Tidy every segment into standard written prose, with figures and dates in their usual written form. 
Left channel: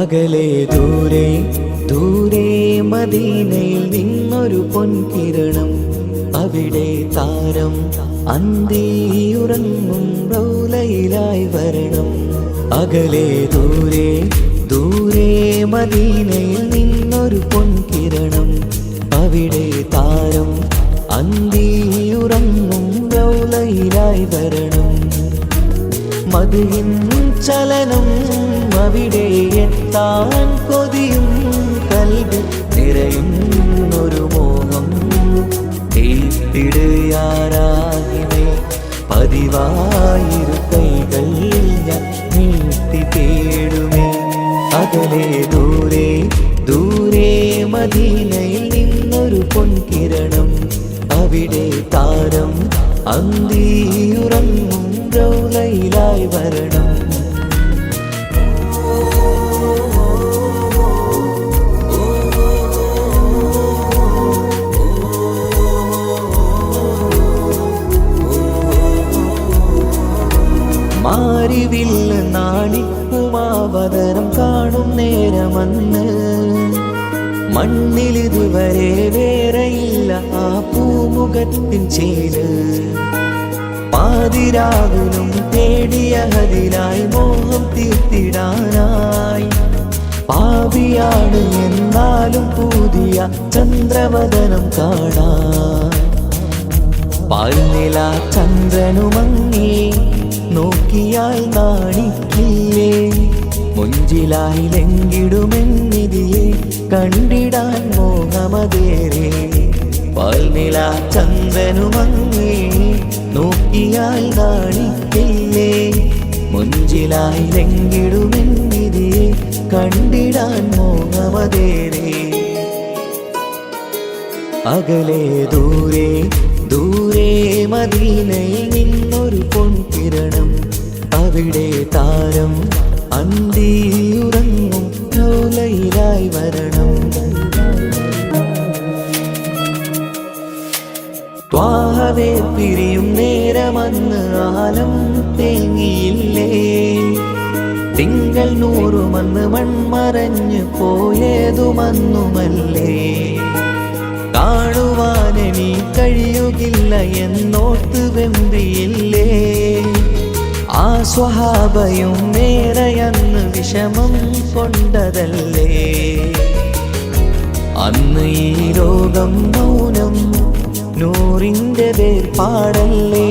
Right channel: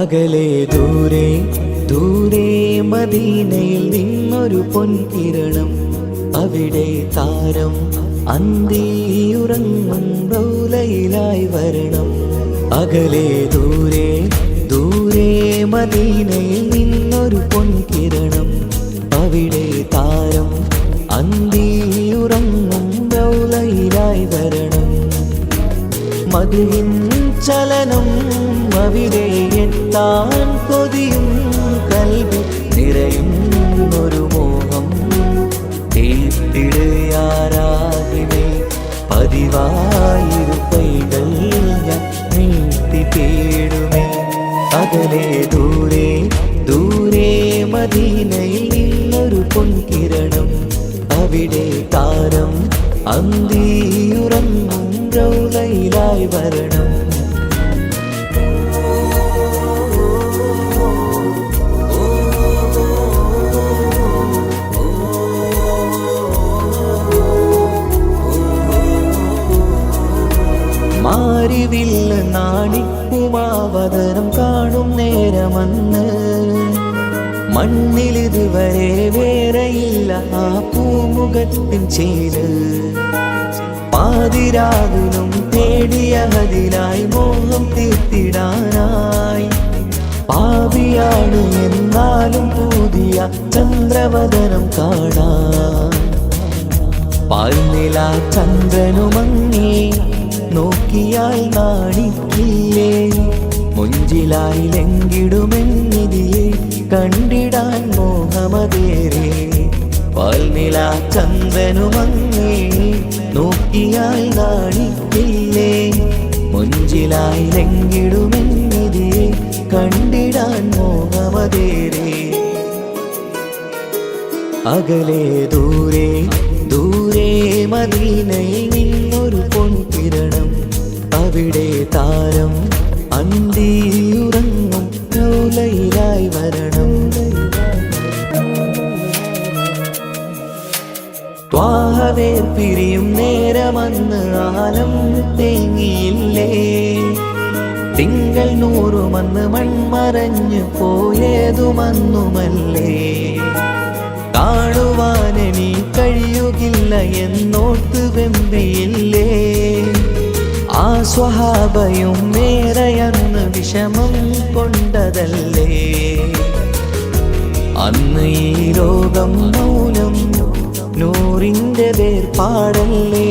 അകലെ ദൂരെ ദൂരെ മദീനയിൽ നിന്നൊരു പൊൻകിരണം, അവിടെ താരം അന്തിയുറങ്ങും റൗലയിലായി വരണം. അകലെ ദൂരെ ദൂരെ മദീനയിൽ നിന്നൊരു പൊൻകിരണം, അവിടെ താരം അന്തിയുറങ്ങും റൗലയിലായി വരണം. മദിഹിൻ ചലനം അവിടെ എത്താൻ കൊതിയും കൽബിൽ നിറയുന്നൊരു മോഹം. കേട്ടിടുയാരാഹിമേ പതിവായിരു കൈകൾ ഞാൻ നീട്ടി തേടുമേ. അകലെ ദൂരെ ദൂരെ മദീനയിൽ നിന്നൊരു പൊൻകിരണം, അവിടെ താരം അന്തിയുറങ്ങും റൗലയിലായി വരണം. മാരിവില്ല് നാണിക്കുമാവതരം കാണും നേരമന്ന്, മണ്ണിലിതുവരെ വേറെയില്ല ആ പൂമുഖത്തിൻ ചേല്. പാതിരാവിലും തേടിയ ഹദിലായി മോഹം തീർത്തിടാനായി, പാപിയാണ് എന്നാലും പുതിയ ചന്ദ്രവദനം കാണാൻ. പാൽനില ചന്ദ്രനുമങ്ങി നോക്കിയാൽ നാണിക്കില്ലേ, മുഞ്ചിലായി ലംഘിടുമെന്നിതിയെ കണ്ടിടാൻ മോഹമതേറെ. പാൽനില ചന്ദ്രനുമങ്ങി നോക്കിയാൽ നാണിക്കില്ലേ, മുഞ്ചിലായി ലംഘിടുമെന്നിതിയെ കണ്ടിടാൻ മോഹമതേറെ. അകലെ ദൂരെ ദൂരെ മദീനയിൽ നിന്നൊരു പൊൻകിരണം, അവിടെ താരം അന്തിയുറങ്ങും റൗലയിലായി വരണം. ത്വാഹവേ പിരിയും നേരമന്ന് ആലം തേങ്ങിയില്ലേ, തിങ്കൾ നൂറുമന്ന് മൺമറഞ്ഞു പോയതുമന്നുമല്ലേ. കാണുവാനെനി കഴിയുകില്ല എന്നോർത്ത് വെമ്പിയില്ലേ, ആ സ്വഹാബയും മേറയന്ന് വിഷമം കൊണ്ടതല്ലേ. അന്ന് ഈ ലോകം മൗനം നൂറിൻ്റെ വേർപാടല്ലേ,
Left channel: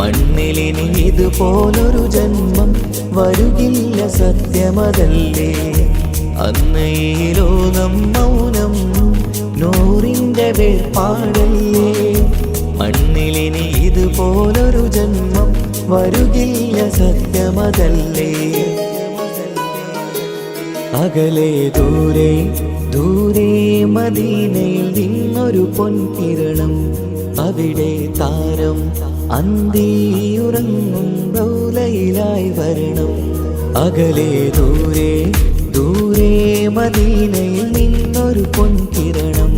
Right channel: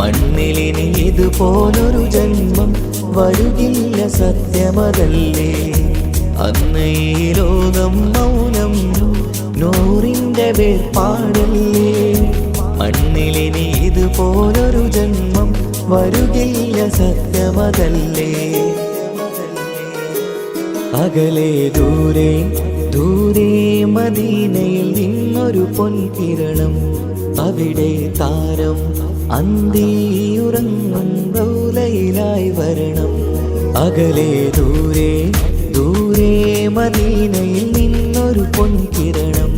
മണ്ണിലിനി ഇതുപോലൊരു ജന്മം വരുകില്ല സത്യമതല്ലേ. അന്ന് ഈ ലോകം മൗനം നൂറിൻ്റെ വേർപാടല്ലേ, മണ്ണിലിനി ഇതുപോലൊരു ജന്മം വരുകില്ല സത്യമതല്ലേ. അകലെ ദൂരെ ദൂരെ മദീനയിൽ നിന്നൊരു പൊൻകിരണം, അവിടെ താരം അന്തിയുറങ്ങും റൗലയിലായി വരണം. അകലെ ദൂരെ ദൂരെ മദീനയിൽ നിന്നൊരു പൊൻകിരണം,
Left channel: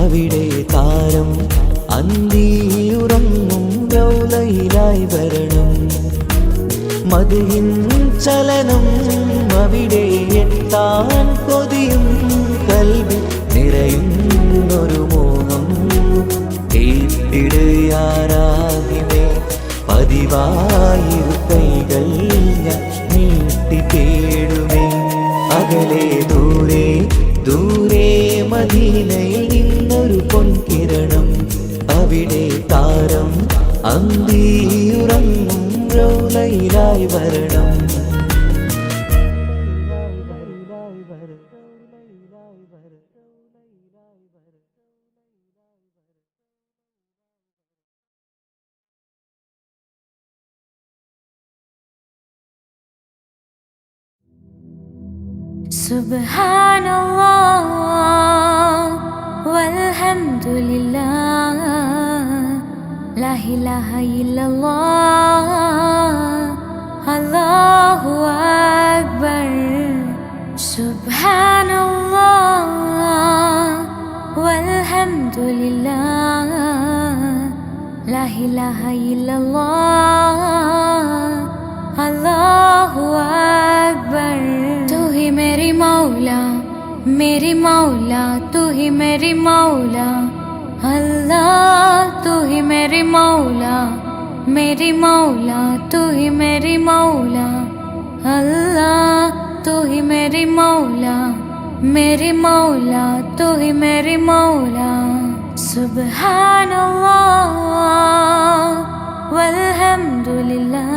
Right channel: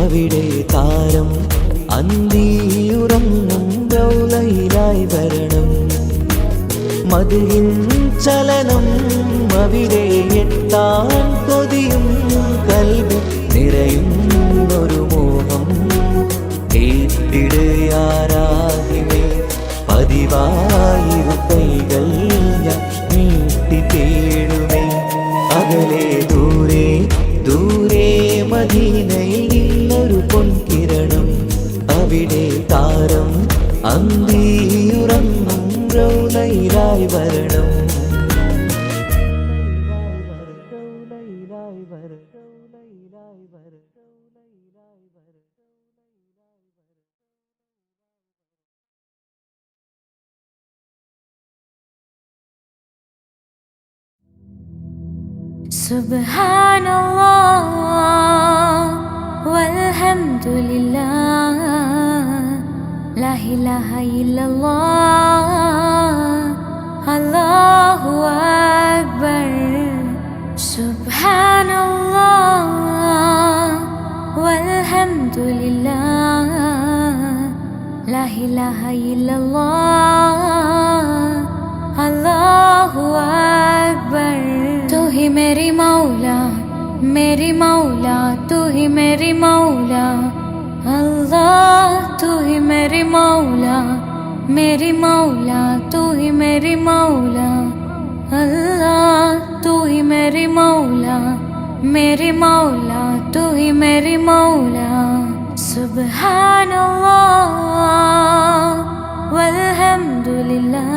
അവിടെ താരം അന്തിയുറങ്ങും റൗലയിലായി വരണം. മദിഹിൻ ചലനം അവിടെ എത്താൻ കൊതിയും കൽബിൽ നിറയുന്നൊരു മോഹം. കേട്ടിടുയാരാഹിമേ പതിവായിരു കൈകൾ ഞാൻ നീട്ടി തേടുമേ. അകലെ ദൂരെ ദൂരെ മദീനയിൽ നിന്നൊരു പൊൻകിരണം, അവിടെ താരം അന്തിയുറങ്ങും റൗലയിലായി വരണം. സുബ്ഹാനല്ലാഹ് വൽഹംദുലില്ലാഹ് ലാ ഇലാഹ ഇല്ലല്ലാഹ് അല്ലാഹു അക്ബർ. സുബ്ഹാനല്ലാഹ് വൽഹംദുലില്ലാഹ് ലാ ഇലാഹ ഇല്ലല്ലാഹ് अल्लाहु अकबर। तू ही मेरी मौला, मेरी मौला, तू ही मेरी मौला। अल्लाह तू ही मेरी मौला, मेरी मौला, तू ही मेरी मौला। अल्लाह तू ही मेरी मौला, मेरी मौला, तू ही मेरी मौला। सुब्हानल्लाह वल्हम्दुलिल्लाह,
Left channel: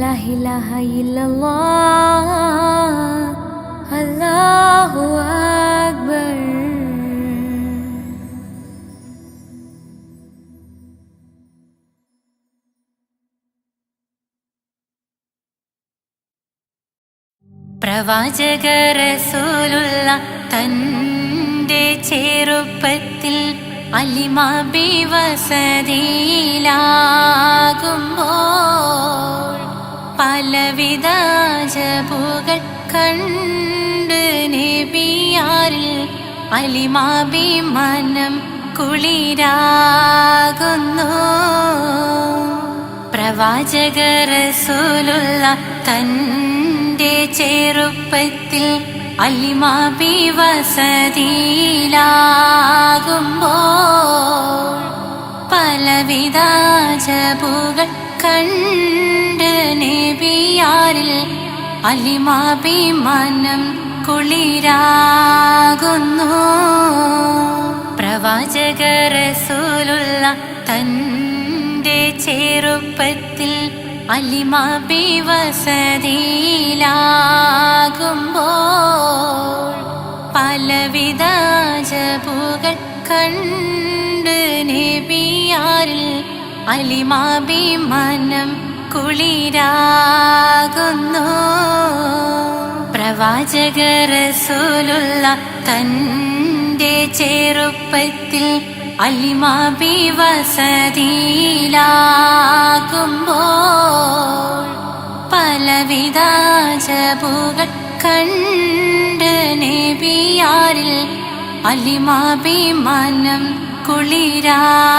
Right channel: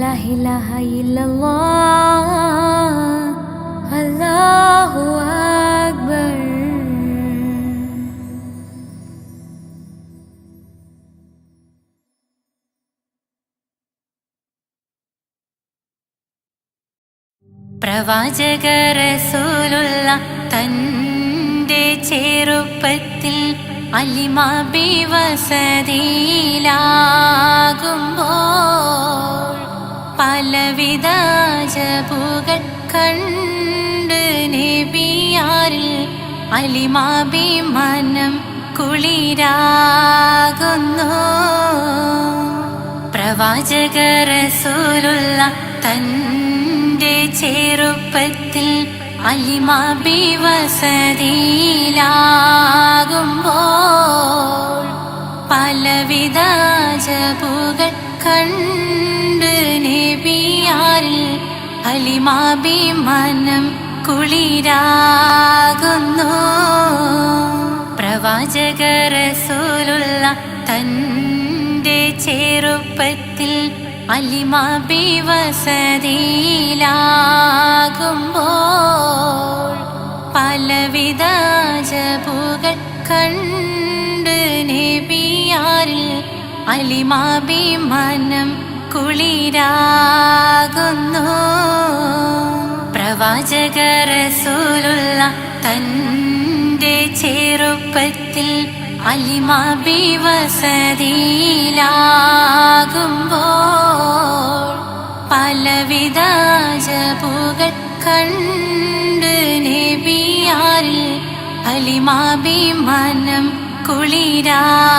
ला इलाहा इल्लल्लाह, अल्लाहु अकबर। പ്രവാചക റസൂലുള്ള തൻ്റെ ചെറുപ്പത്തിൽ അലിമാബി വസതിയിലാകുമ്പോൾ പലവിധ ജബുകൾ കണ്ട് നബിയാരിൽ അലിമാബി മനം കുളിരാകുന്നു. പ്രവാചക റസൂലുള്ള തൻ്റെ ചെറുപ്പത്തിൽ അലിമാബി വസതിയിലാകുമ്പോൾ പലവിധ ജബുകൾ കണ്ട് നബിയാരിൽ അലിമാബി മനം കുളിരാകുന്നു. പ്രവാചക റസൂലുള്ള തൻ്റെ ചെറുപ്പത്തിൽ അലിമാബി വസതിയിലാകുമ്പോൾ പലവിധ ജബുകൾ കണ്ട് നബിയാരിൽ അലിമാബി മനം കുളിരാകുന്നു. പ്രവാചക റസൂലുള്ള തൻ്റെ ചെറുപ്പത്തിൽ അലിമാബി വസതിയിലാകുമ്പോൾ പലവിധ ജബുകൾ കണ്ട് നബിയാരിൽ അലിമാബി മനം കുളിരാകുന്നു.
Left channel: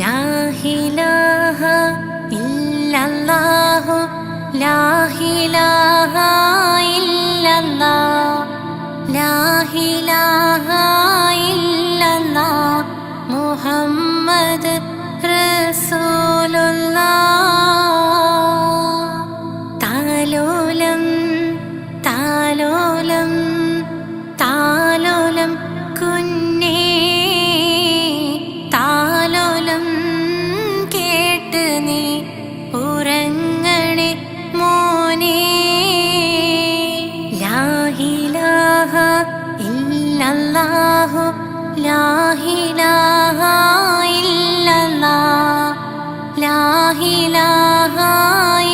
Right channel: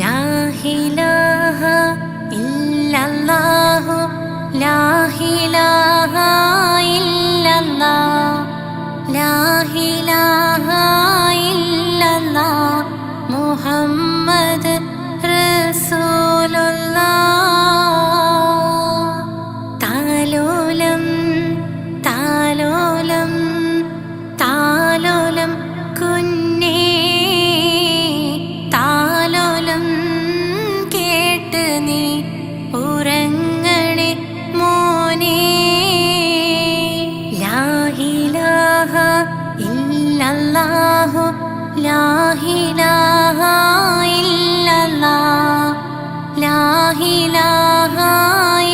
ലാ ഇലാഹ ഇല്ലല്ലാഹു, ലാ ഇലാഹ ഇല്ലല്ലാഹ്, ലാ ഇലാഹ ഇല്ലല്ലാഹ്, മുഹമ്മദ് റസൂലുള്ളാഹ്. താലോലം താലോലം താലോലം കുഞ്ഞേ, താലോലം കേട്ട് നീ ഉറങ്ങണേ മോനെ. ലാ ഇലാഹ ഇല്ലല്ലാഹു, ലാ ഇലാഹ ഇല്ലല്ലാഹ്, ലാ ഇലാഹ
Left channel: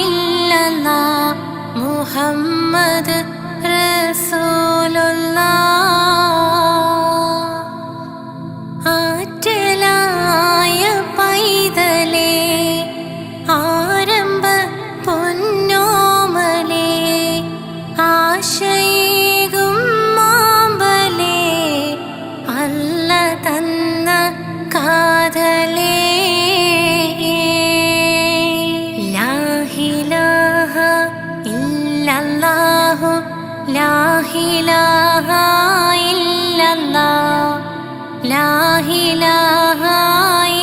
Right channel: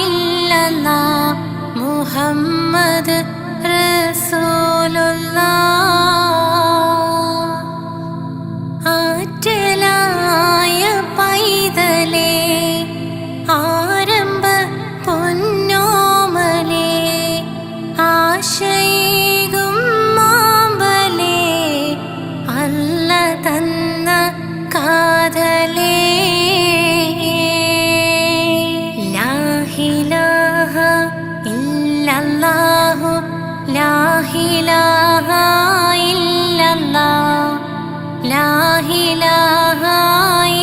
ഇല്ലല്ലാഹ്, മുഹമ്മദ് റസൂലുള്ളാഹ്. ആറ്റലായ പൈതലേ, ആരംഭ പൊന്നോമലേ, ആശയേകും മാമ്പലേ, അല്ല തന്ന കാതലേ. ലാ ഇലാഹ ഇല്ലല്ലാഹു, ലാ ഇലാഹ ഇല്ലല്ലാഹ്, ലാ ഇലാഹ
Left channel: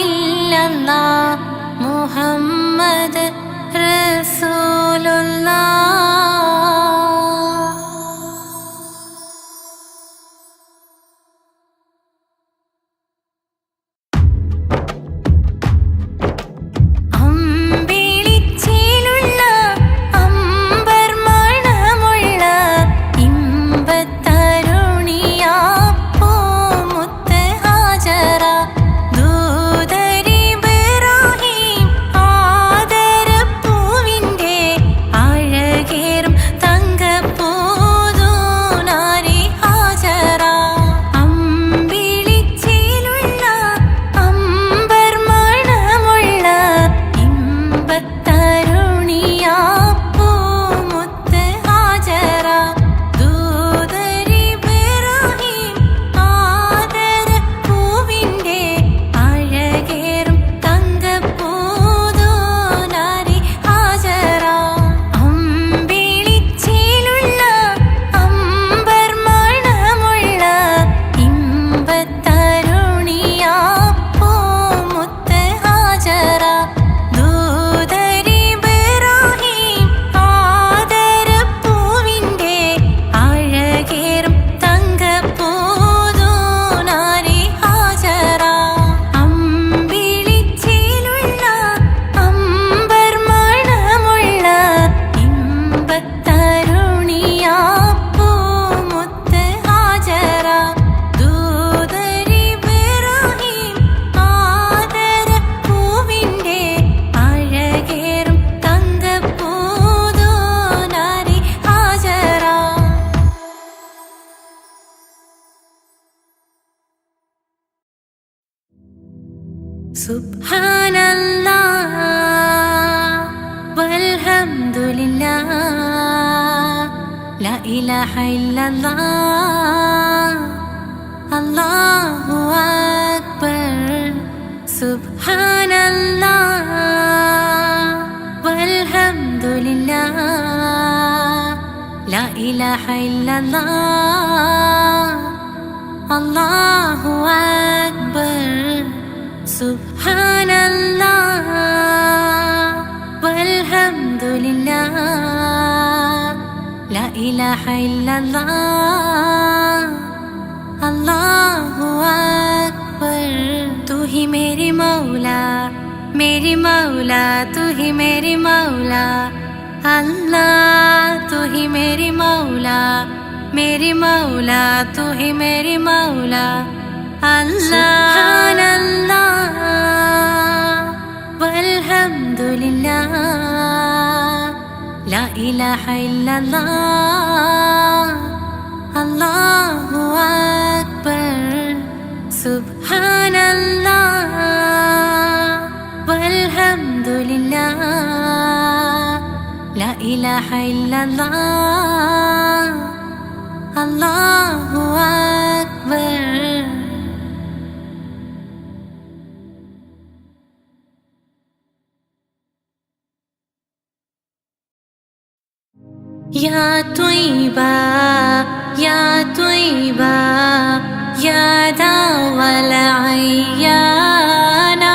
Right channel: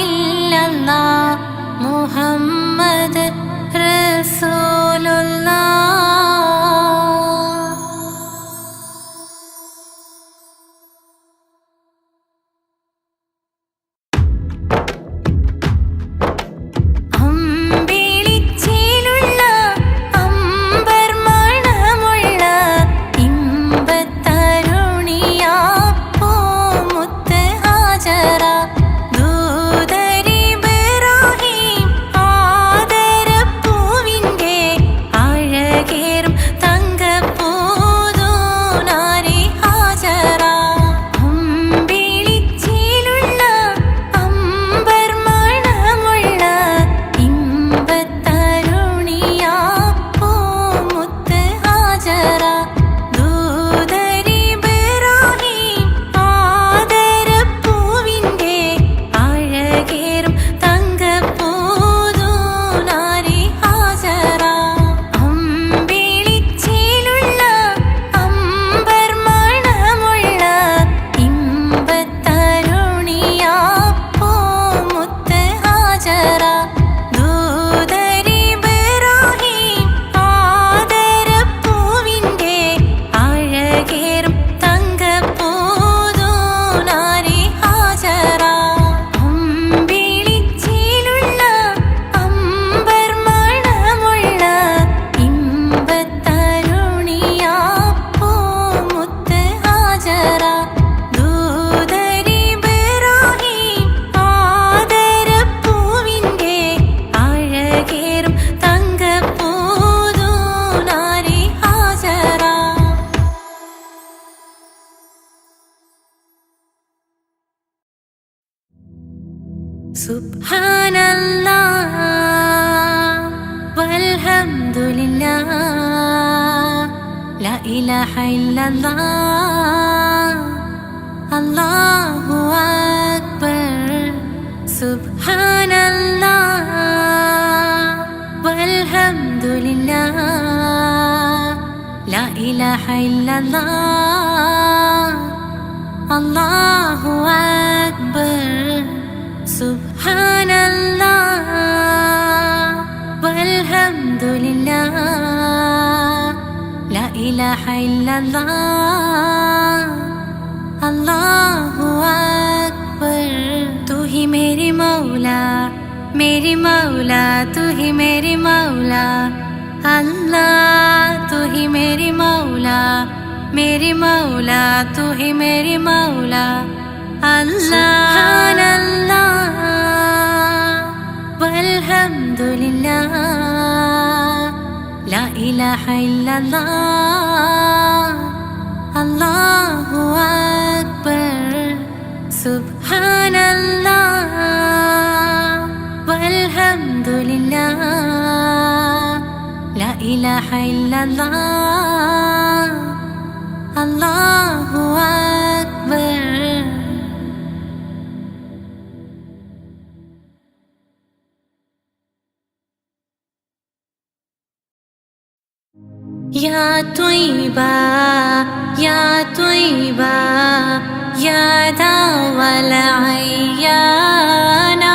ഇല്ലല്ലാഹ്, മുഹമ്മദ് റസൂലുള്ളാഹ്. അമ്പിളിച്ചേലുള്ള അമ്പർ മണമുള്ള ഇമ്പത്തരുണിയാ പൂമുത്ത് ഹാജറ, ദൂതരിബ്രാഹിം ആദരപ്പൂവിൻ്റെ സുബ്ഹാനല്ലാഹ് വൽഹംദുലില്ലാഹ് ലാ ഇലാഹ ഇല്ലല്ലാഹ് അല്ലാഹു അക്ബർ. സുബ്ഹാനല്ലാഹ് വൽഹംദുലില്ലാഹ് ലാ ഇലാഹ ഇല്ലല്ലാഹ് അല്ലാഹു അക്ബർ. സുബ്ഹാനല്ലാഹ് വൽഹംദുലില്ലാഹ് ലാ ഇലാഹ ഇല്ലല്ലാഹ് അല്ലാഹു അക്ബർ. तू ही मेरी मौला तू ही मेरी मौला अल्लाह. तू ही मेरी मौला तू ही मेरी मौला अल्लाह. सुब्हानल्लाह वल्हम्दुलिल्लाह ला इलाहा इल्लल्लाह अल्लाहु अक्बर. सुब्हानल्लाह वल्हम्दुलिल्लाह ला इलाहा इल्लल्लाह अल्लाहु अक्बर. या त्वय्बा या त्वय्बा या दावल अय्याना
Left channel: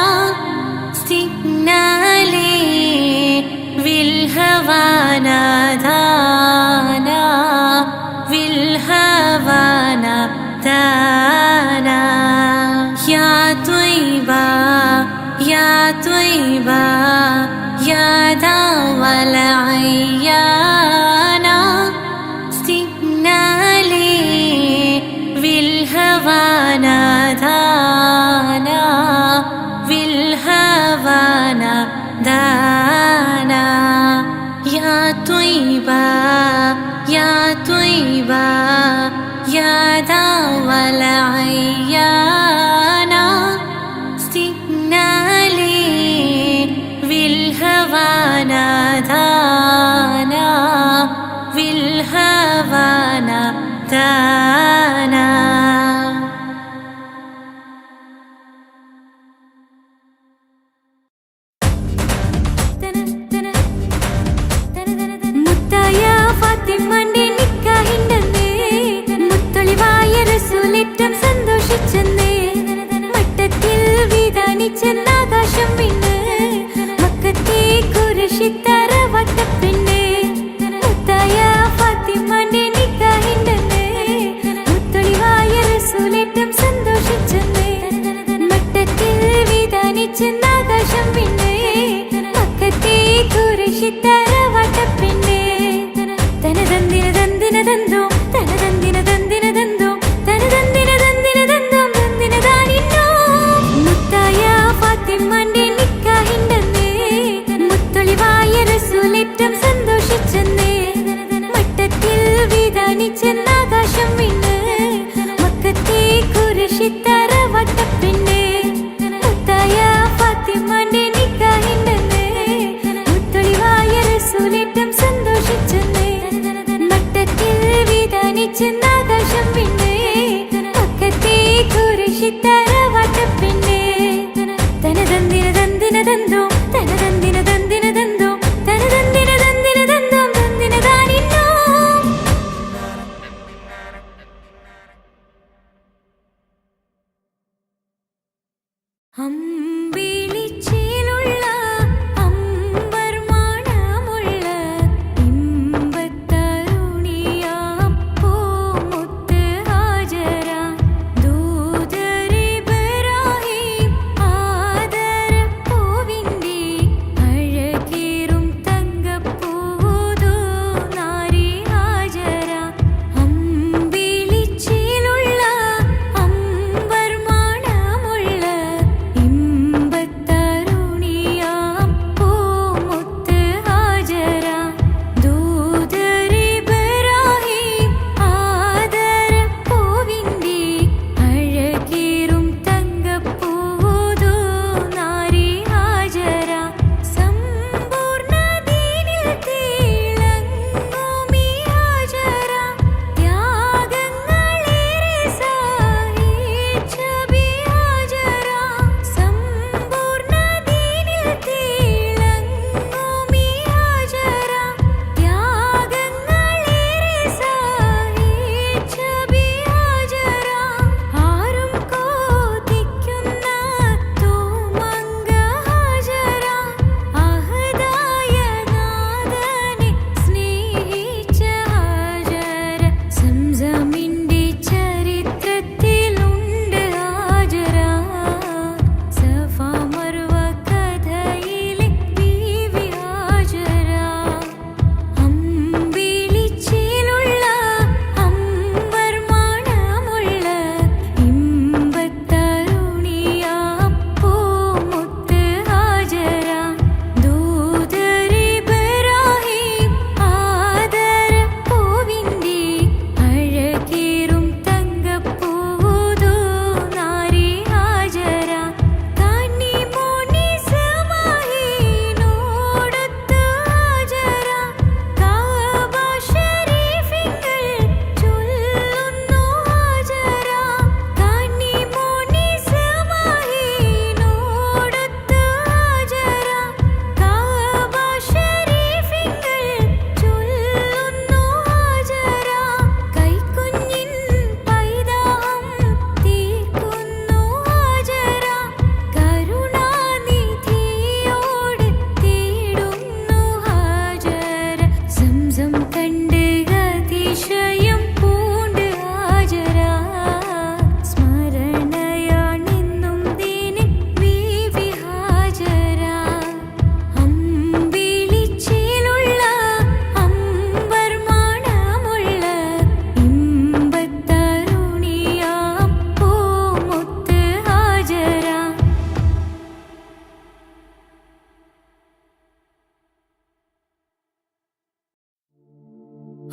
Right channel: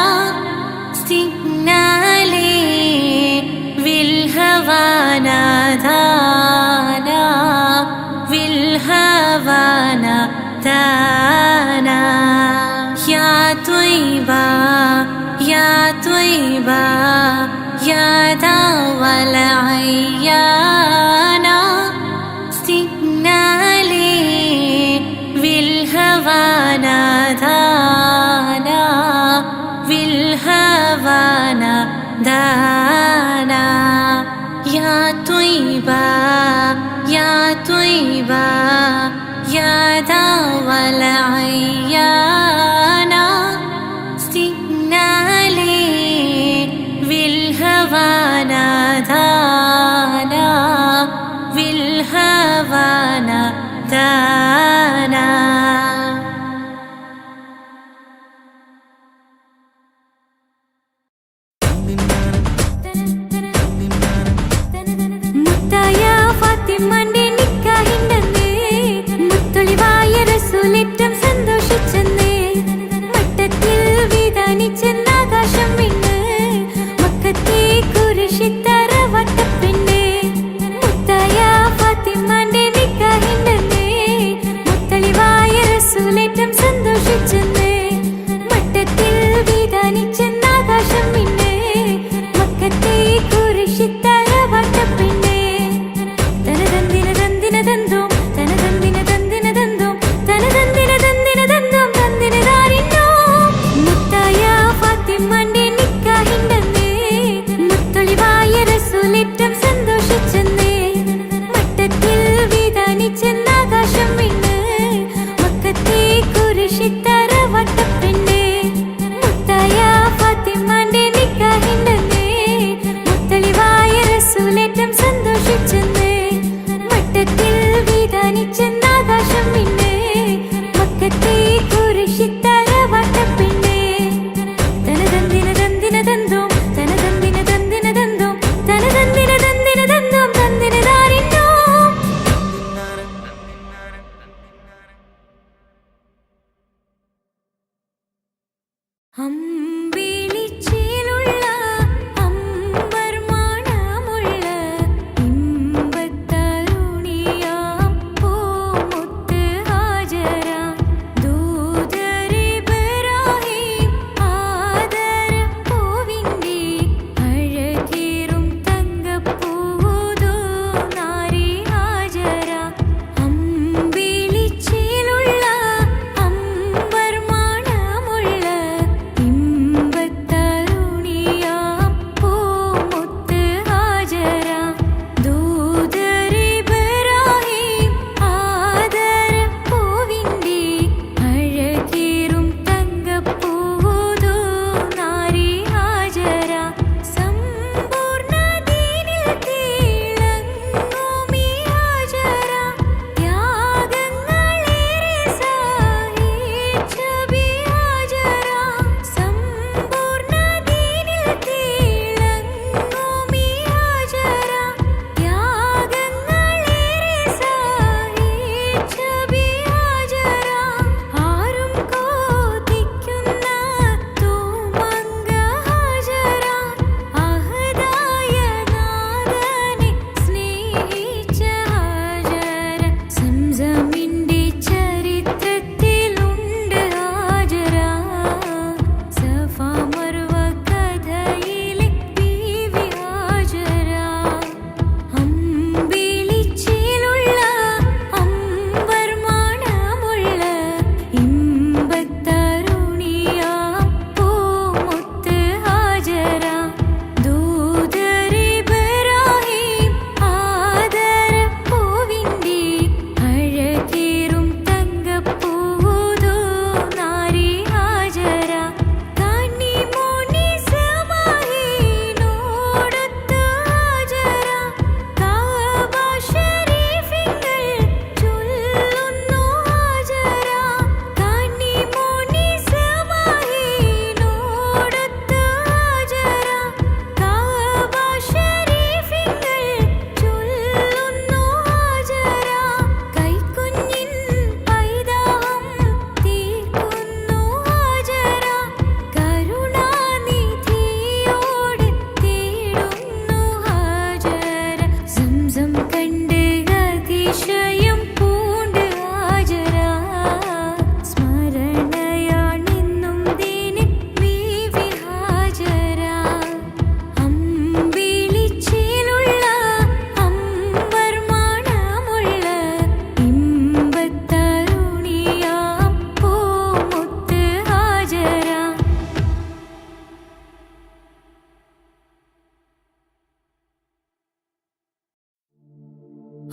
सिग्नाले विल्हवाना दाना विल्हवाना दाना. या त्वय्बा या त्वय्बा या दावल अय्याना सिग्नाले विल्हवाना दाना विल्हवाना दाना. या त्वय्बा या त्वय्बा या दावल अय्याना सिग्नाले विल्हवाना दाना विल्हवाना दाना. മുത്തായ ഫാത്തിമന്റെ നിക്കാഹിണ്ടെന്ന് മുത്തൊളിവായ റസൂലേറ്റം സന്തോഷിച്ചെന്ന് മട്ടത്തിൽ വിധാനിച്ചെന്ന് ആകാശം വിണ്ണ് മക്കത്തെ കുരിശിത്തറ വട്ടപ്പെണ്ണ്. മുത്തായ ഫാത്തിമന്റെ നിക്കാഹിണ്ടെന്ന് മുത്തൊളിവായ റസൂലേറ്റം സന്തോഷിച്ചെന്ന് മട്ടത്തിൽ വിധാനിച്ചെന്ന് ആകാശം വിണ്ണ് മക്കത്തെ കുരിശിത്തറ വട്ടപ്പെണ്ണ്. തനതന്തിര തന്തിര തന്തോം തനതന്തിര തന്തിര തന്തോം തനതന്തിര തന്തിര തന്തോം തന്തിര താരിന്നോ. മുത്തായ ഫാത്തിമന്റെ നിക്കാഹിണ്ടെന്ന് മുത്തൊളിവായ റസൂലേറ്റം സന്തോഷിച്ചെന്ന് മട്ടത്തിൽ വിധാനിച്ചെന്ന് ആകാശം വിണ്ണ് മക്കത്തെ കുരിശിത്തറ വട്ടപ്പെണ്ണ്. മുത്തായ ഫാത്തിമന്റെ നിക്കാഹിണ്ടെന്ന് മുത്തൊളിവായ റസൂലേറ്റം സന്തോഷിച്ചെന്ന് മട്ടത്തിൽ വിധാനിച്ചെന്ന് ആകാശം വിണ്ണ് മക്കത്തെ കുരിശിത്തറ വട്ടപ്പെണ്ണ്. തനതന്തിര തന്തിര തന്തോം തനതന്തിര തന്തിര തന്തോം തനതന്തിര തന്തിര തന്തോം തന്തിര താരിന്നോ.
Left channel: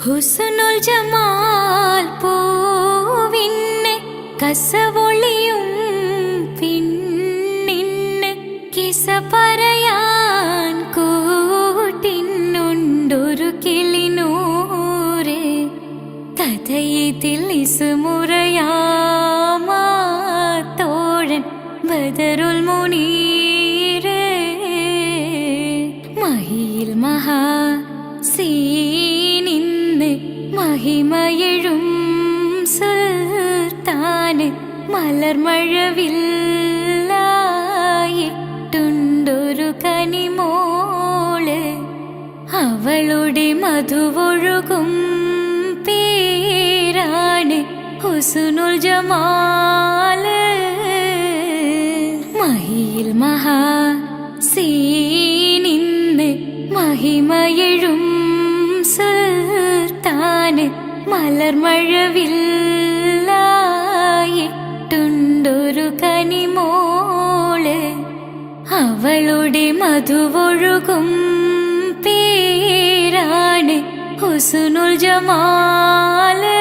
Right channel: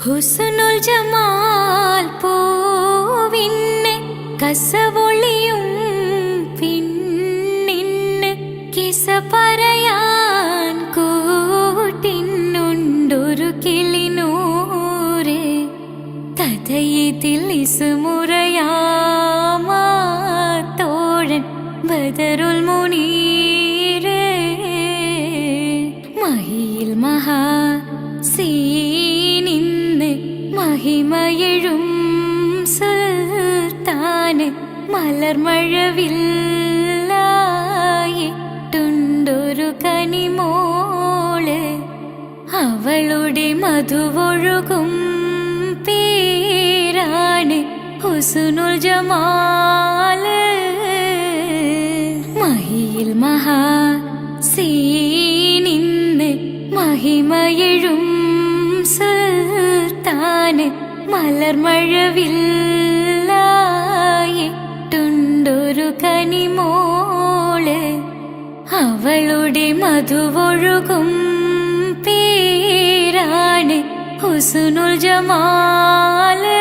ഹുസ്നുൽ ജമാൽ പൂവിന് കസവൊളിയും പിന്നിന് കിസ പറയാൻ കൂട്ടിനുണ്ടൊരു കിളിനൂറ് കഥയിതിൽ ഇസുമുറയാമാ തോഴൻ ബദറുൽ മുനീറ് മഹിയിൽ മഹാ സീനിന്ന് മഹിമയെഴും സുൽത്താന് മലർമഴവില്ലായിട്ടുണ്ടൊരു കനിമോള് അവളുടെ മധുവൊഴുകും പേരാണ് ഹുസ്നുൽ ജമാല് മഹിയിൽ മഹാ സീനിന്ന് മഹിമയെഴും സുൽത്താന് മലർമഴവില്ലായിട്ടുണ്ടൊരു കനിമോള് അവളുടെ മധുവൊഴുകും പേരാണ് ഹുസ്നുൽ ജമാല്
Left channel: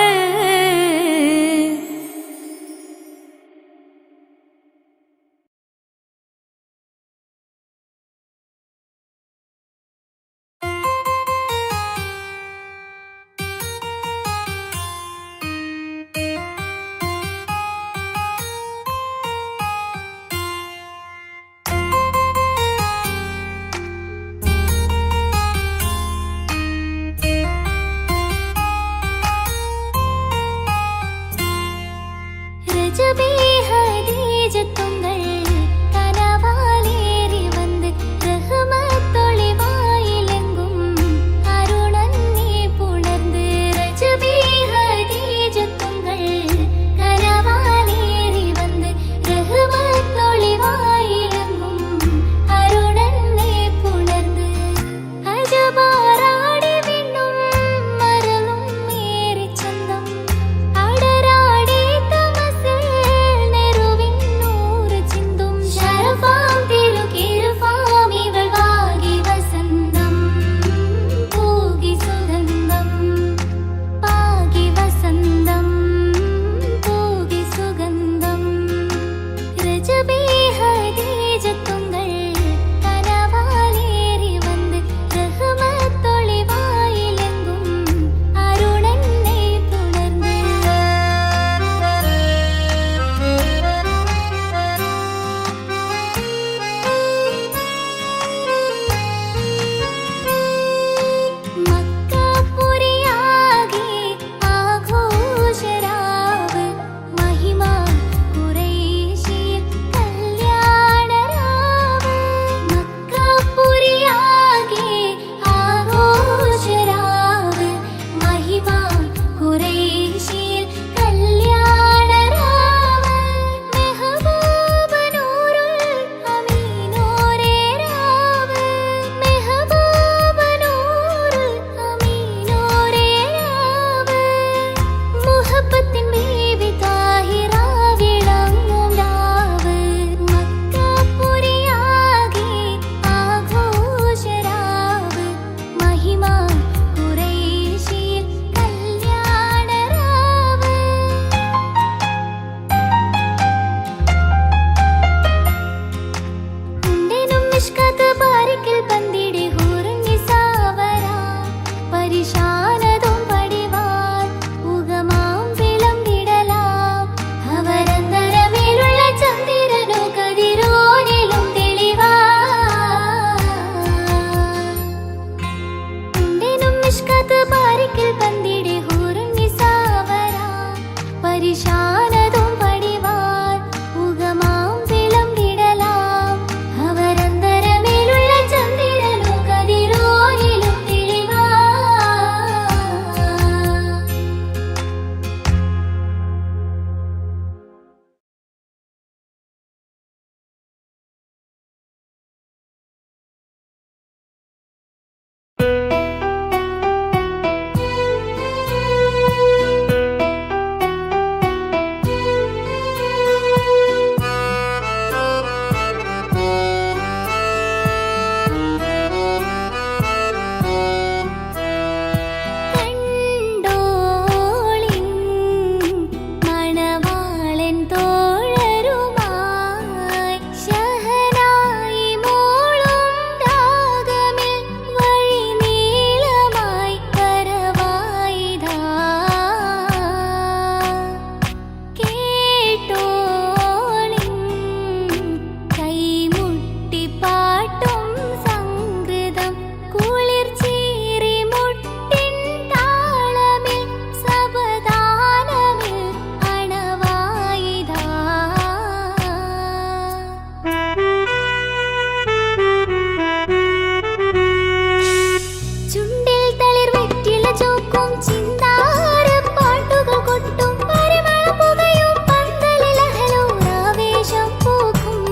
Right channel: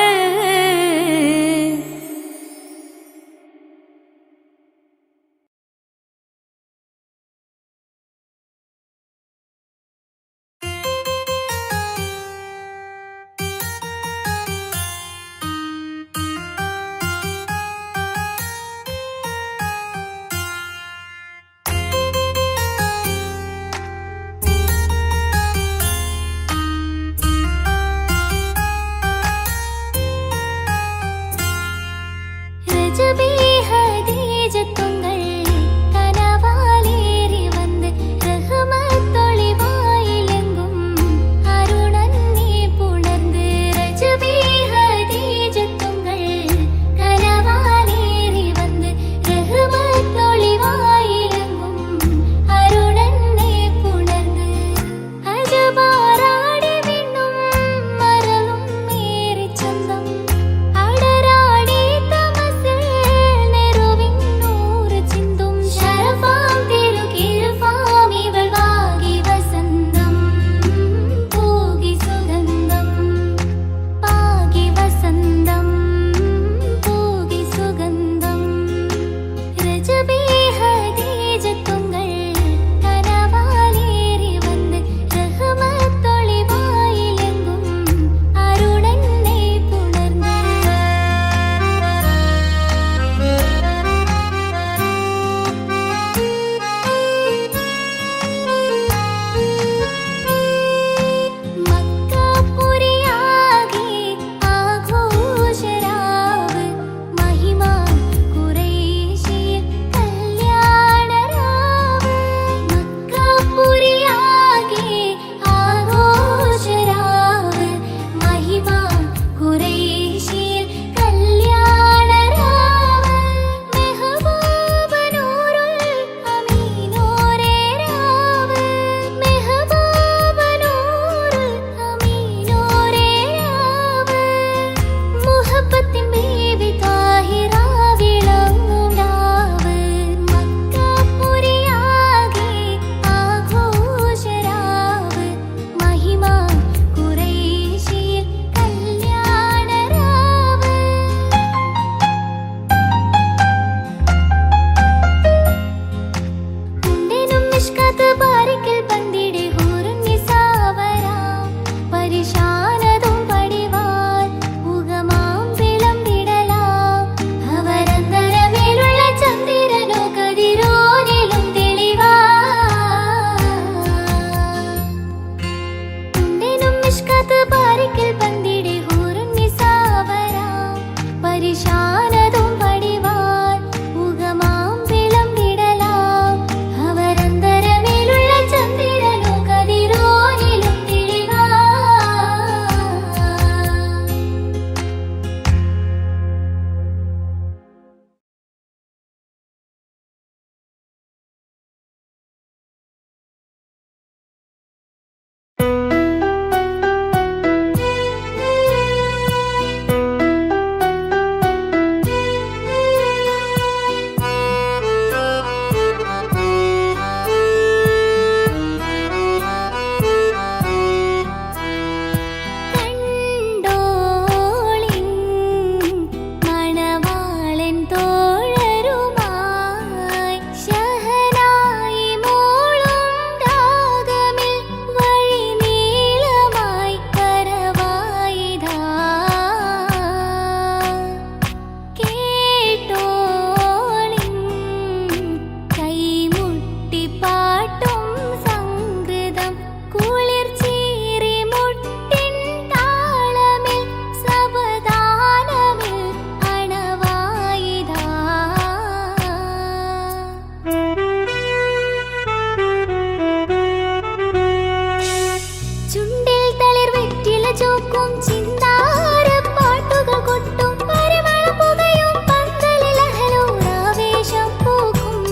ചോക്കും ചിന്താര പാട്ടുകൾ കൊട്ടും പരിമള പുകയും പന്തലിൽ അഹലോരാവേശം പൂക്കും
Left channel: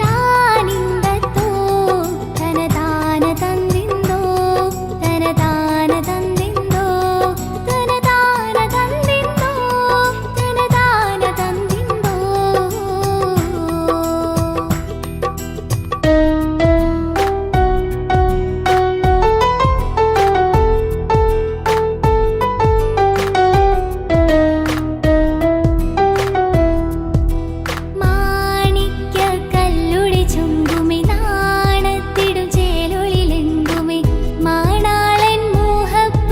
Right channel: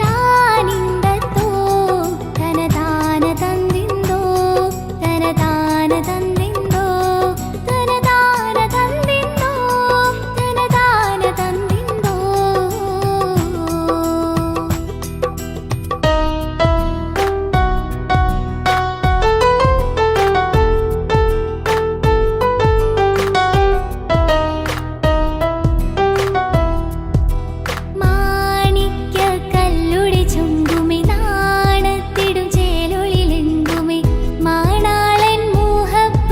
താനിന്തത്തോ തനതാന തന്നിന്തോ തനതാന തന്നിന്തോ തനതാന തന്നിന്തോ തനതാന തന്നിന്തോ മാണിക്യ കല്ലുടി ചുങ്കുമി നാണത്തിടും ചേലൊളിലെങ്കുമി മാണാളൻ മോഹപ്പൂങ്കുഴലിൽ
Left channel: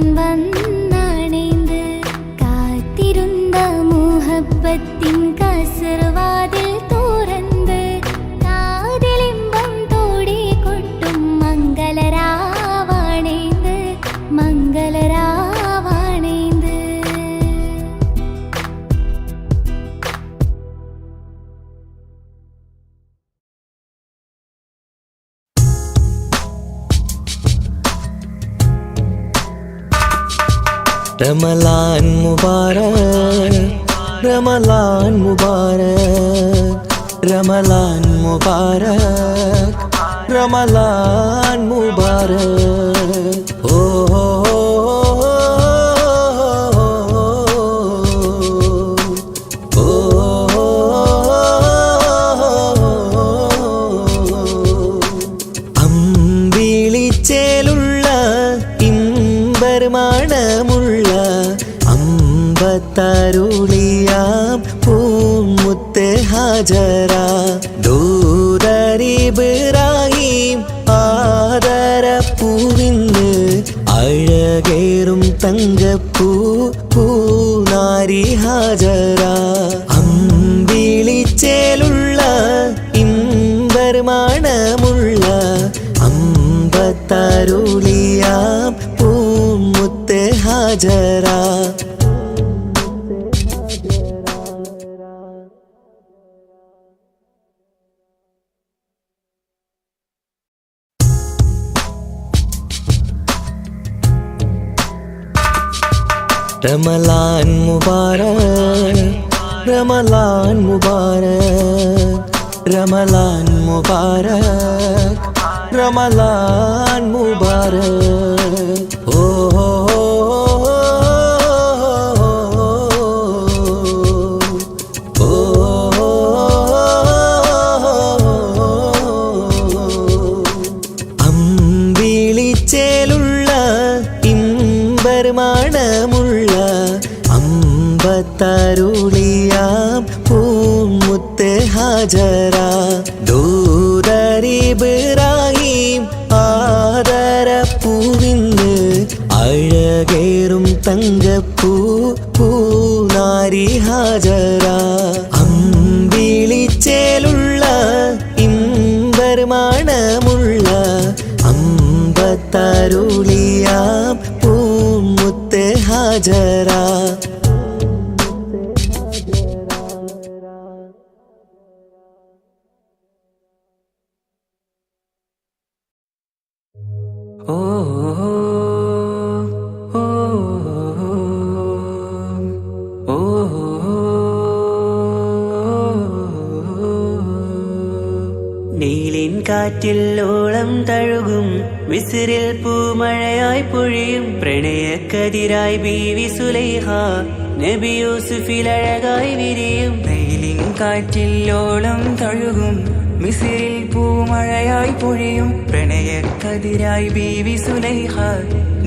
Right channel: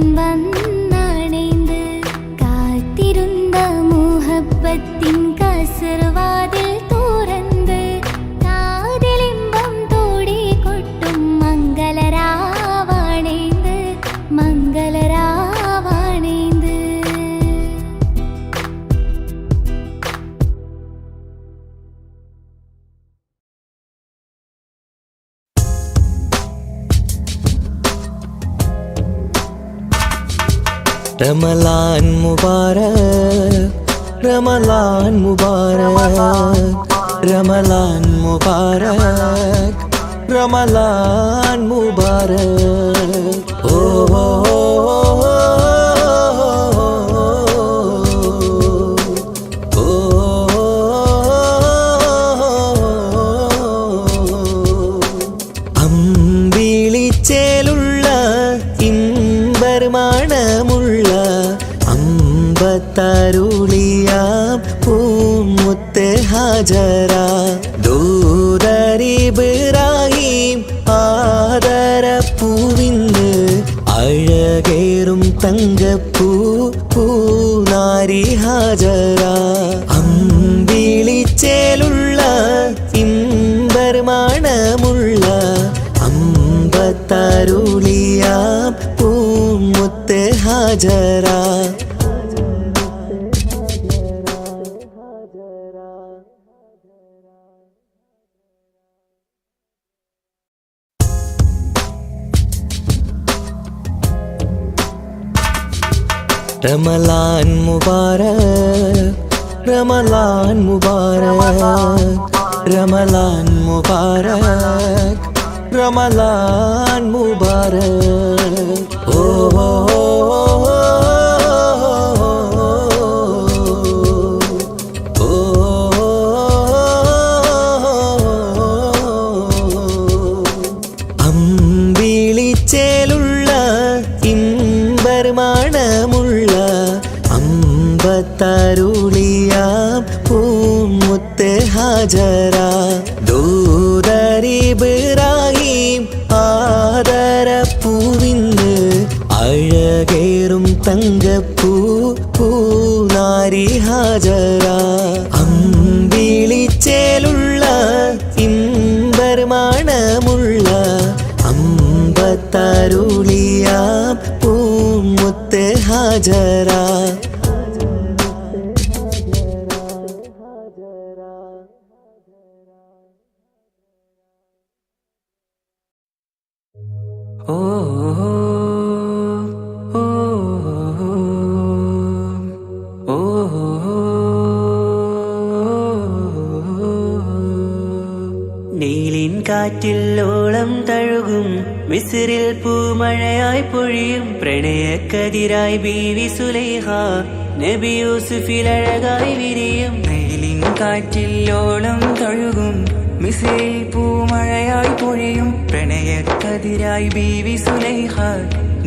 ഞാൻ വന്നണൈந்து കാത്തിരുന്ന മുഹബത്തിൻ കസർവാതിൽ തുറന്ന് കാതിലിമ്പം തോടി കൊട്ടും മംഗളരാവാണൈந்து മംഗളരാവാണൈந்து. रमलान मुबारक रमलान मुबारक रमलान मुबारक रमलान मुबारक ओ അമ്പിളിച്ചേലുള്ള ഇമ്പർമാണമുള്ള അമ്പത്തരുളിയാം പൂമുത്ത് ഹാജറ ദൂതരിബ്രാഹിം ആദരപ്പൂവിന്ന് അഴകേറും തങ്കപ്പൂ പൂനാരി ഹാജറ അമ്പിളിച്ചേലുള്ള ഇമ്പർമാണമുള്ള അമ്പത്തരുളിയാം പൂമുത്ത് ഹാജറ रमलान मुबारक रमलान मुबारक रमलान मुबारक रमलान मुबारक ओ അമ്പിളിച്ചേലുള്ള ഇമ്പർമാണമുള്ള അമ്പത്തരുളിയാം പൂമുത്ത് ഹാജറ ദൂതരിബ്രാഹിം ആദരപ്പൂവിന്ന് അഴകേറും തങ്കപ്പൂ പൂനാരി ഹാജറ അമ്പിളിച്ചേലുള്ള ഇമ്പർമാണമുള്ള അമ്പത്തരുളിയാം പൂമുത്ത് ഹാജറ ഓ ഓ ഓ നീലിൻ കാറ്റിൽ ഓളം തഴുകും മിസ്രിൽ പൂമഴയായി പൊഴിയും പ്രണയക്കതിരായി ബീവി സുലൈഹ നബി യൂസുഫിൽ അഴകായി വിരിയും നീലിൻ കാറ്റിൽ ഓളം തഴുകും മിസ്രിൽ പൂമഴയായി പൊഴിയും പ്രണയക്കതിരായി ബീവി സുലൈഹ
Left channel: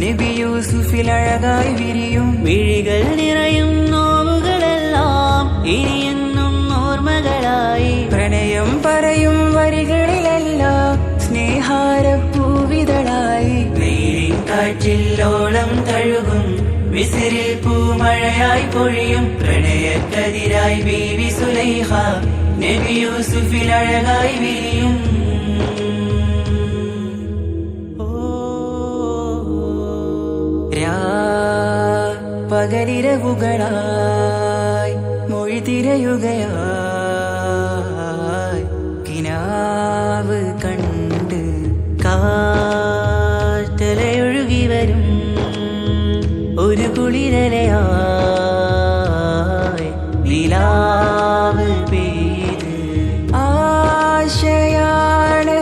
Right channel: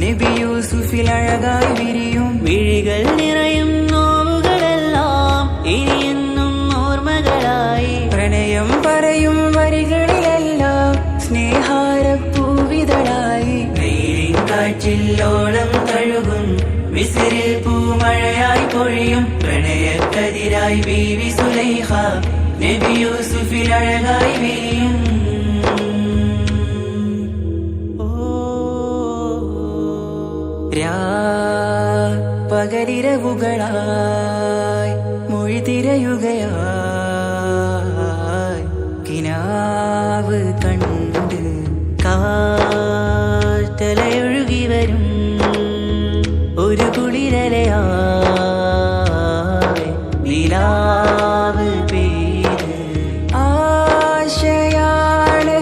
നബി യൂസുഫിൽ അഴകായി വിരിയും മിഴികൾ നിറയും നോവുകളെല്ലാം ഇനിയെന്നും ഓർമ്മകളായി പ്രണയം പറയും വരികളിലെല്ലാം സ്നേഹാരപ്പൂവിതളായി നീലിൻ കാറ്റിൽ ഓളം തഴുകും മിസ്രിൽ പൂമഴയായി പൊഴിയും പ്രണയക്കതിരായി ബീവി സുലൈഹ നബി യൂസുഫിൽ അഴകായി വിരിയും പകലിരവുകളായി മൊഴി തിരയുകയായി കിനാവ് കണ്ട് കാറ്റലയൊഴുകി വരും ഒരു കുളിരലയായി നിലാവ് പെയ്ത് ആശയാണ്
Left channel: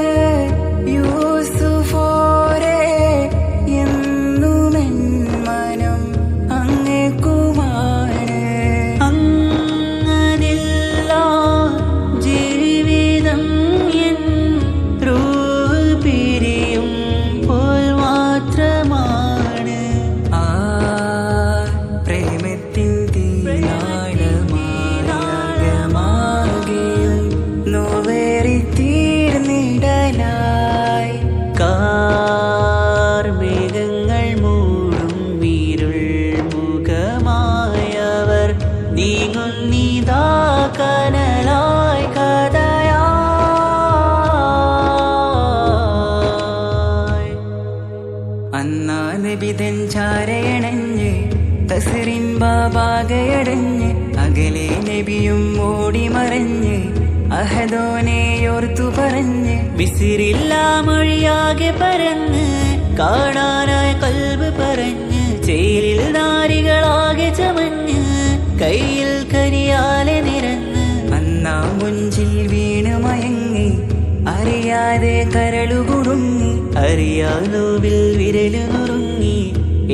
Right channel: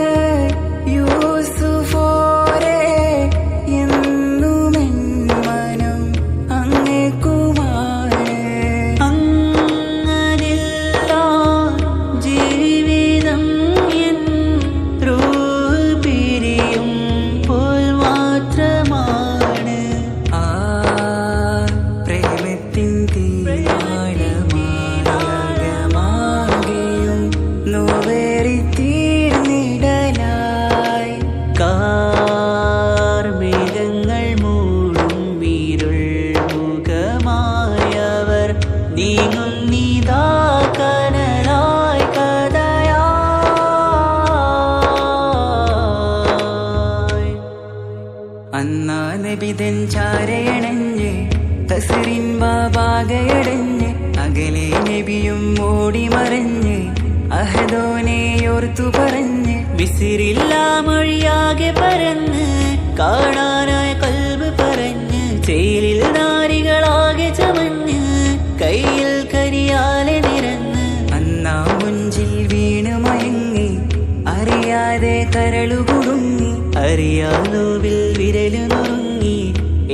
യൂസുഫോരെ എന്നുമെൻ മനം അങ്ങേക്കുമാണ് അങ്ങനില്ല ജീവിതം എൻ റൂഹ് പിരിയും പോൽ മാത്രമാണ് ആ പ്രേമത്തിൻ തീനാളമാകെയും നോവേറി തീർന്നിടലായി കാർമേഘങ്ങൾ മൂടും അന്നാ നബിതൻ ചാരയണഞ്ഞ് തസറിൻ ബാബാകയടഞ്ഞ് അകലെ നബിയും ഓടി മറഞ്ഞ് അഹദോനെയോർത്തു പറഞ്ഞ് മിസിറില്ലാ മൊഴിയാകെ പരന്ന് കാണാനായ കൽബ് പറഞ്ഞ് ചേലിൽ നാരികളാകെ ചമഞ്ഞ് കയ്യിൽ കരിയാലെ നിരന്ന് അന്നാ മുഞ്ചിൽ വീണ് മയങ്ങി അറിയാതെ കരളുകുടുങ്ങി അറിയാലോവിൽ വിരലു നുറുങ്ങി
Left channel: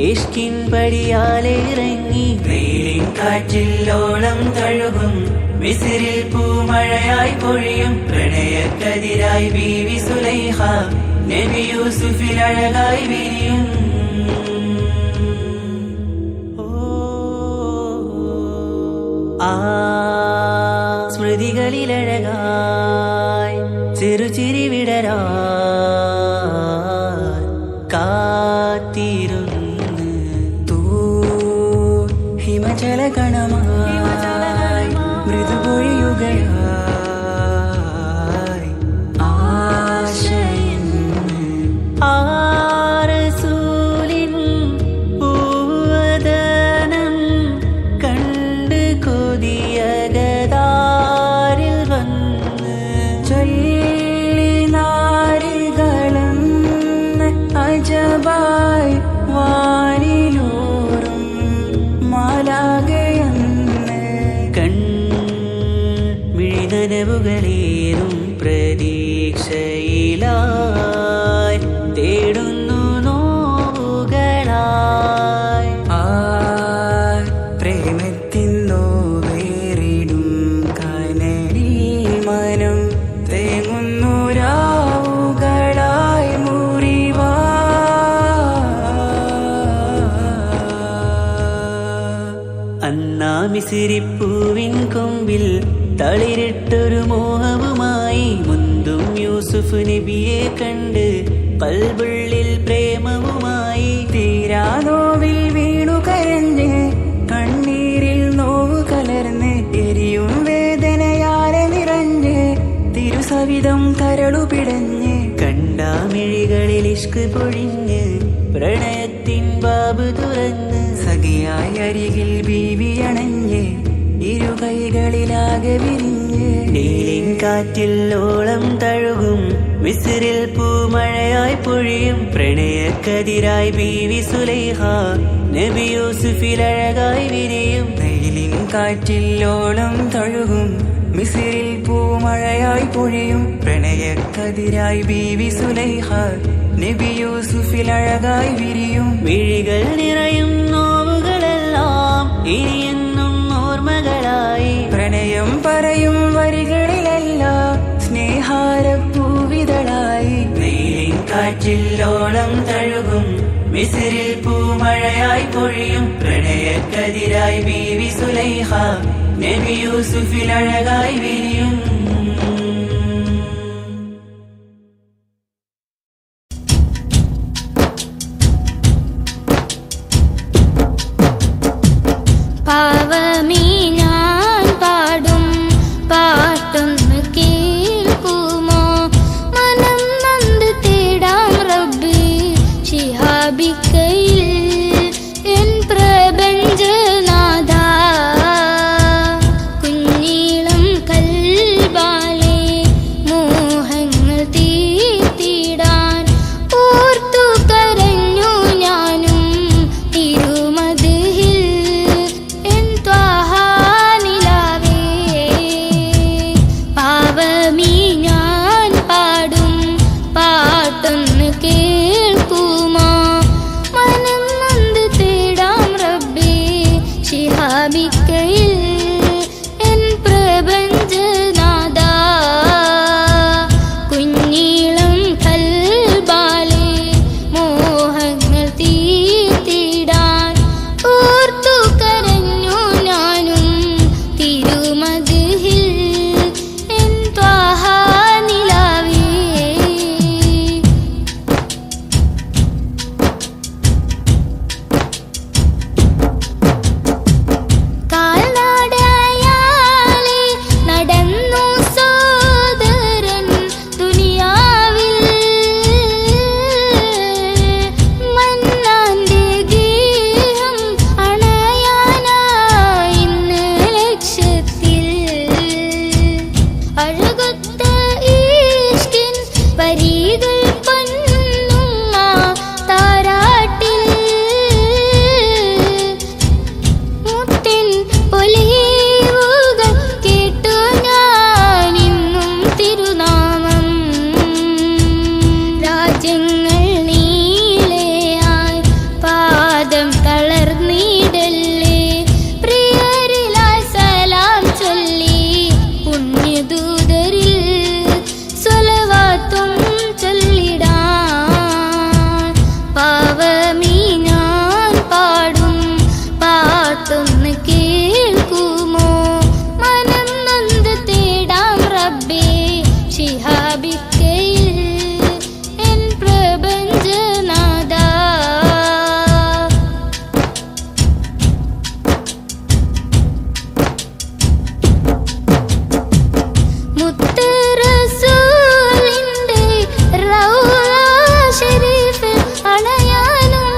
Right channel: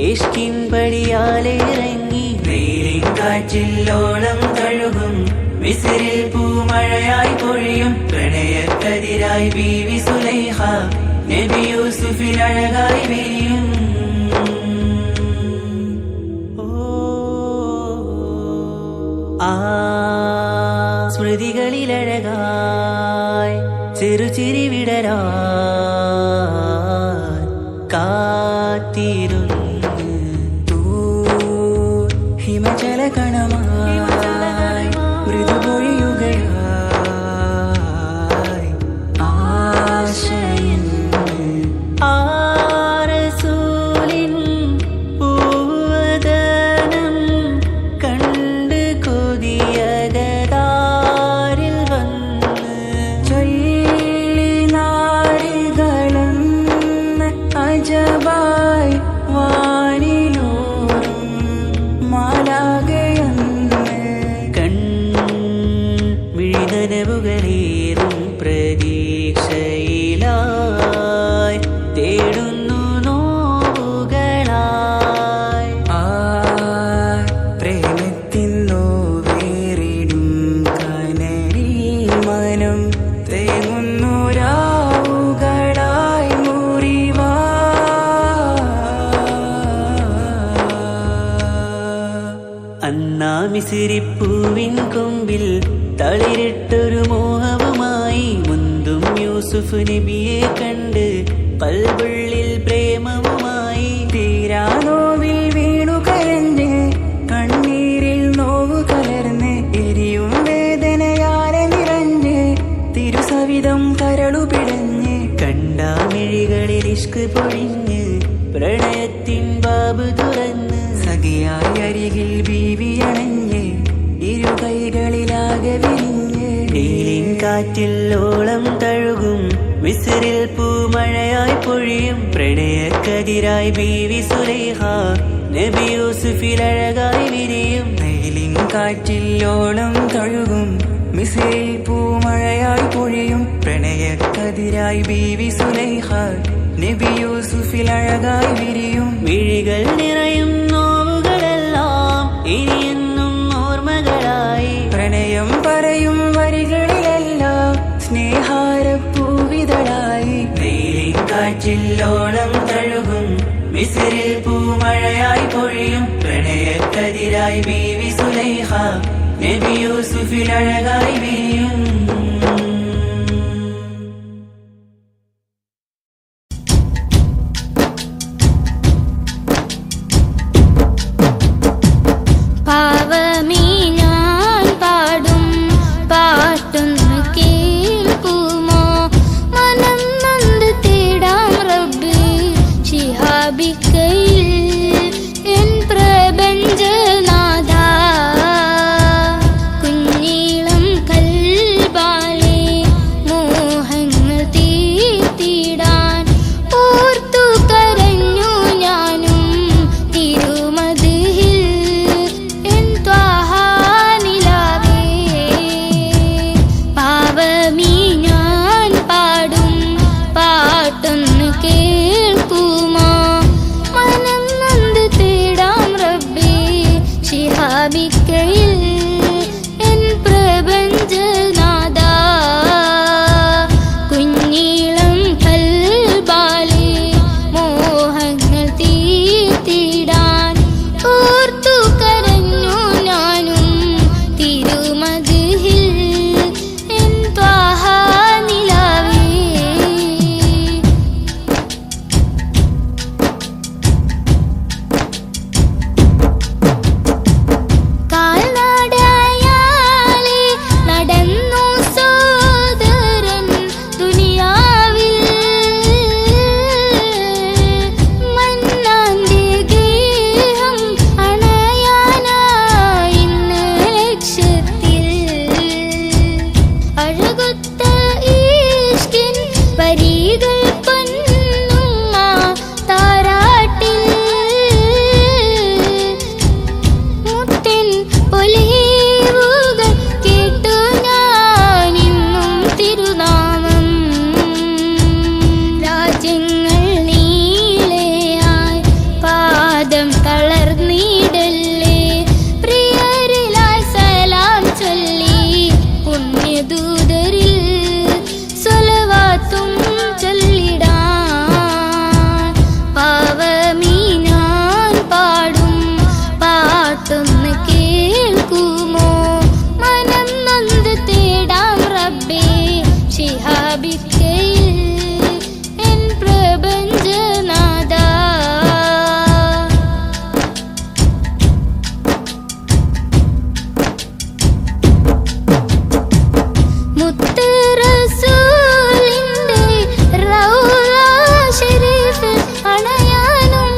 ഇഷ്കിൻ പടിയാലെ ഇറങ്ങി വെയിലിൻ കാറ്റില്ലോളം തഴുകും മിസിറിൽ പൂമഴയായി പൊഴിയും പ്രണയക്കതിരായി ബീവി സുലൈഹ നബി യൂസുഫിൽ അഴകായി വിരിയും ആ സ്മൃതികളിലഴകായി ചെറുചിരി വിടരാ കാത്തിരുന്ന് തൂ ഹിമജല കണമായി മൃദുപൊഴിയുകയായി ആശയിൻ ആരസൂലിൻ പൂവദനം കണ്ട് കൊതിയകതാരിൽ വന്ന് ചൊല്ലി നാരികളെന്ന് അജബായി വാനിലൂറും മാലാകയെന്ന് കൺമിഴിനനവുകളേറും പ്രതീക്ഷയിലായി തേടുന്നു നോവുകളായി ആ പ്രേമത്തിൻ നോവേറിടും കനലിൽ മനം തേങ്ങുന്നു രാവുകളായി മുറിവാ അന്നാ മിസിരിപ്പൂവിൻ കൊമ്പിൽ തളിരിട്ടൊരു മോഹവുമായി മുന്തും യൂസുഫ് നബിയെ കണ്ട് കൽബുള്ളിൽ പ്രേമവുമായി തീരാ നോവിൽ വീണു കരഞ്ഞ് കണ്ണീരിൽ നോവു കലർന്ന് എരിയും വേദനയാലെ നിറഞ്ഞ് തിരുസവിധം കരളു പിടഞ്ഞ് കണ്ടാമിഴികളിൽ ഇഷ്ക് പൊഴിഞ്ഞ് പ്രണയത്തിൻ ബാബ് തുറന്ന് സഖിയായി അരികിൽ ബീവി അണഞ്ഞ് ഇരുകൈകളിലാകെ വിരിഞ്ഞ് നീലിൻ കാറ്റിൽ ഓളം തഴുകും മിസിറിൽ പൂമഴയായി പൊഴിയും പ്രണയക്കതിരായി ബീവി സുലൈഹ നബി യൂസുഫിൽ അഴകായി വിരിയും നീലിൻ കാറ്റിൽ ഓളം തഴുകും മിസിറിൽ പൂമഴയായി പൊഴിയും പ്രണയക്കതിരായി ബീവി സുലൈഹ നബി യൂസുഫിൽ അഴകായി വിരിയും വിഴികൾ നിറയും നോവുകളെല്ലാം ഇനിയെന്നും ഓർമ്മകളായി പ്രണയം പറയും വരികളിലെല്ലാം സ്നേഹാരപ്പൂവിതളായി വെയിലിൻ കാറ്റില്ലോളം തഴുകും മിസിറിൽ പൂമഴയായി പൊഴിയും പ്രണയക്കതിരായി ബീവി സുലൈഹ നബി യൂസുഫിൽ അഴകായി വിരിയും പാവമീ ഞാൻ പാടും പാട്ടൊന്ന് കേൾക്കുമോ മനം നന്ദി തേടാം റബ്ബി ശിഹാബിക്കയിൽ എൻ പ്രപഞ്ചനാഥ കുഞ്ഞീളം കൽബാലെ മോഹങ്ങൾ തീർത്തിടാൻ ഓർത്തു കരഞ്ഞു ഞാനും തിരുമതിൽ പാവമീ ഞാൻ പാടും പാട്ടൊന്ന് കേൾക്കുമോ രാജ്യങ്ങൾ നീളെയായി പാദം തളർന്നിടല്ലേ. പ്രിയരിലായി സലാം ചൊല്ലി പുണ്യദൂതരിൽ സ്വലവാത്തും ചൊല്ലിടാൻ പാവമീ ഞാൻ പാടും പാട്ടൊന്ന് കേൾക്കുമോ? മനം നൊന്ത് തേടാം റബ്ബേ ശിഹാബിക്കയിൽ എൻ പ്രപഞ്ചനാഥ. മുത്ത് റസൂലിന്റെ റൗള ശരീഫ് അണയാനും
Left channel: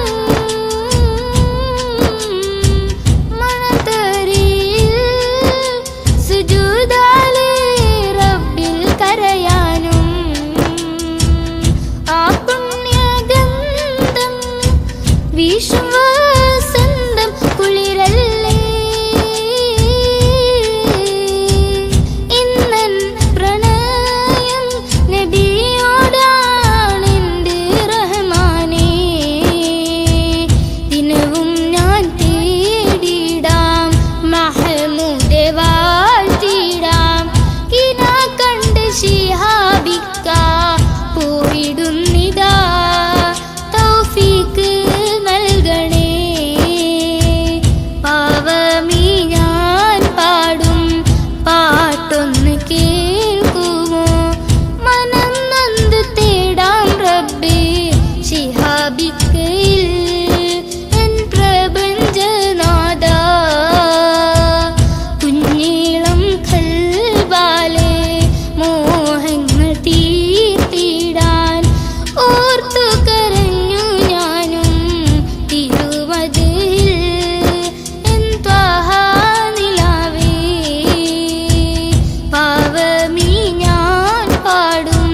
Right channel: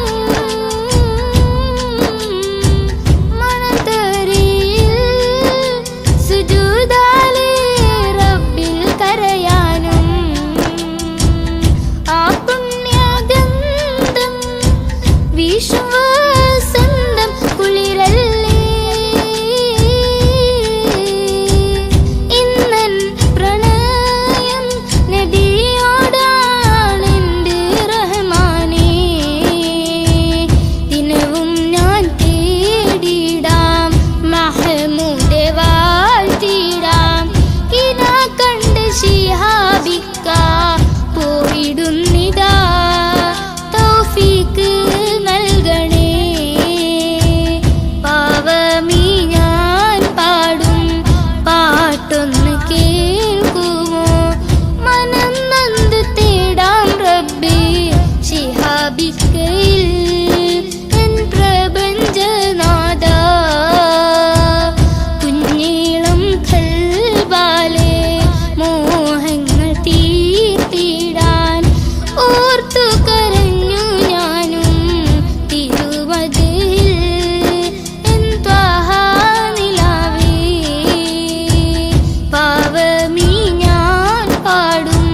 മണത്തരിയിൽ സുജൂദാലേ റബ്ബിൽ കരയാനും ആ പുണ്യഗന്ധം വീശും വസന്തം കുളിരല്ലേ. ഇന്നൻ പ്രണയം നബിയോടാണെന്റെ റഹ്മാനേ. ദിനവും ഞാൻ തേടിടാം മഹ്മൂദെ വാഴ്ത്തിടാം. കിനാ കണ്ട് ശിഹാബിക്ക പോയിടുന്നിതാ തൗഫീക്ക് നൽകണേ. പാവമീ ഞാൻ പാടും പാട്ടൊന്ന് കേൾക്കുമോ? മനം നൊന്ത് തേടാം റബ്ബേ ശിഹാബിക്കയിൽ എൻ പ്രപഞ്ചനാഥ. കുഞ്ഞീളം ഖൽബാലെ മോഹങ്ങൾ തീർത്തിടാൻ ഓർത്തു കരഞ്ഞു ഞാനും തിരുവതിൽ എൻ ത്വാഹ നിലാവേ. പാവമീ ഞാൻ പാടും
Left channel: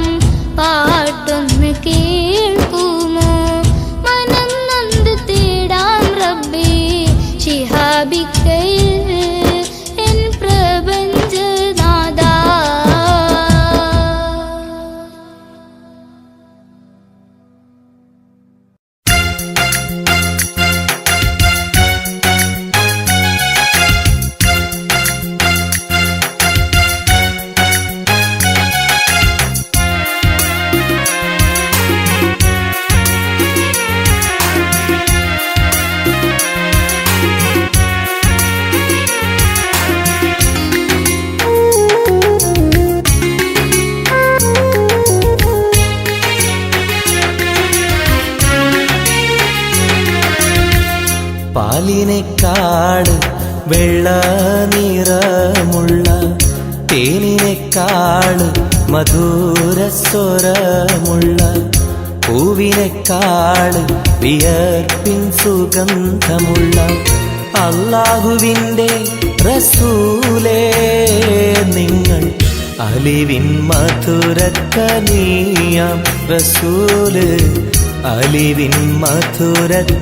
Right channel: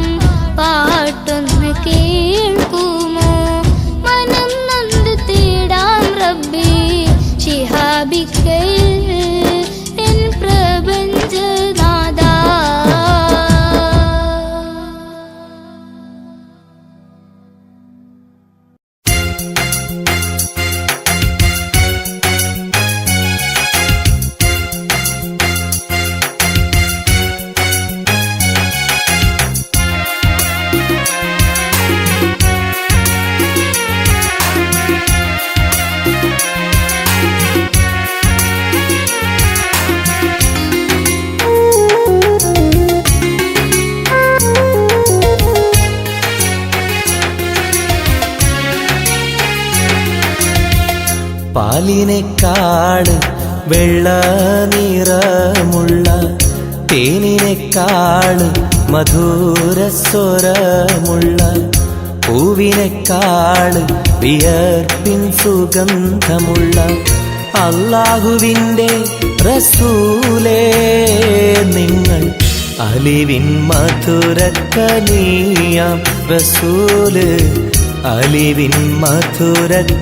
പാട്ടൊന്ന് കേൾക്കുമോ? മനം നൊന്ത് തേടാം റബ്ബേ ശിഹാബിക്കയിൽ എൻ പ്രപഞ്ചനാഥ. പാലിനേക്കാട് വെള്ള നിറമുള്ള തേനിനേക്കാട് മധുരസ്വരമുള്ള പൂവിനേക്കാട് വിയർപ്പിൻ സുഗന്ധമുള്ള അല്ലാഹുവിൻ്റെ റസൂലേ നിങ്ങൾ അലിവിൻ മധുരക്കനിയാം റസൂല് അലിവിൻ മധുരക്കനിയാം.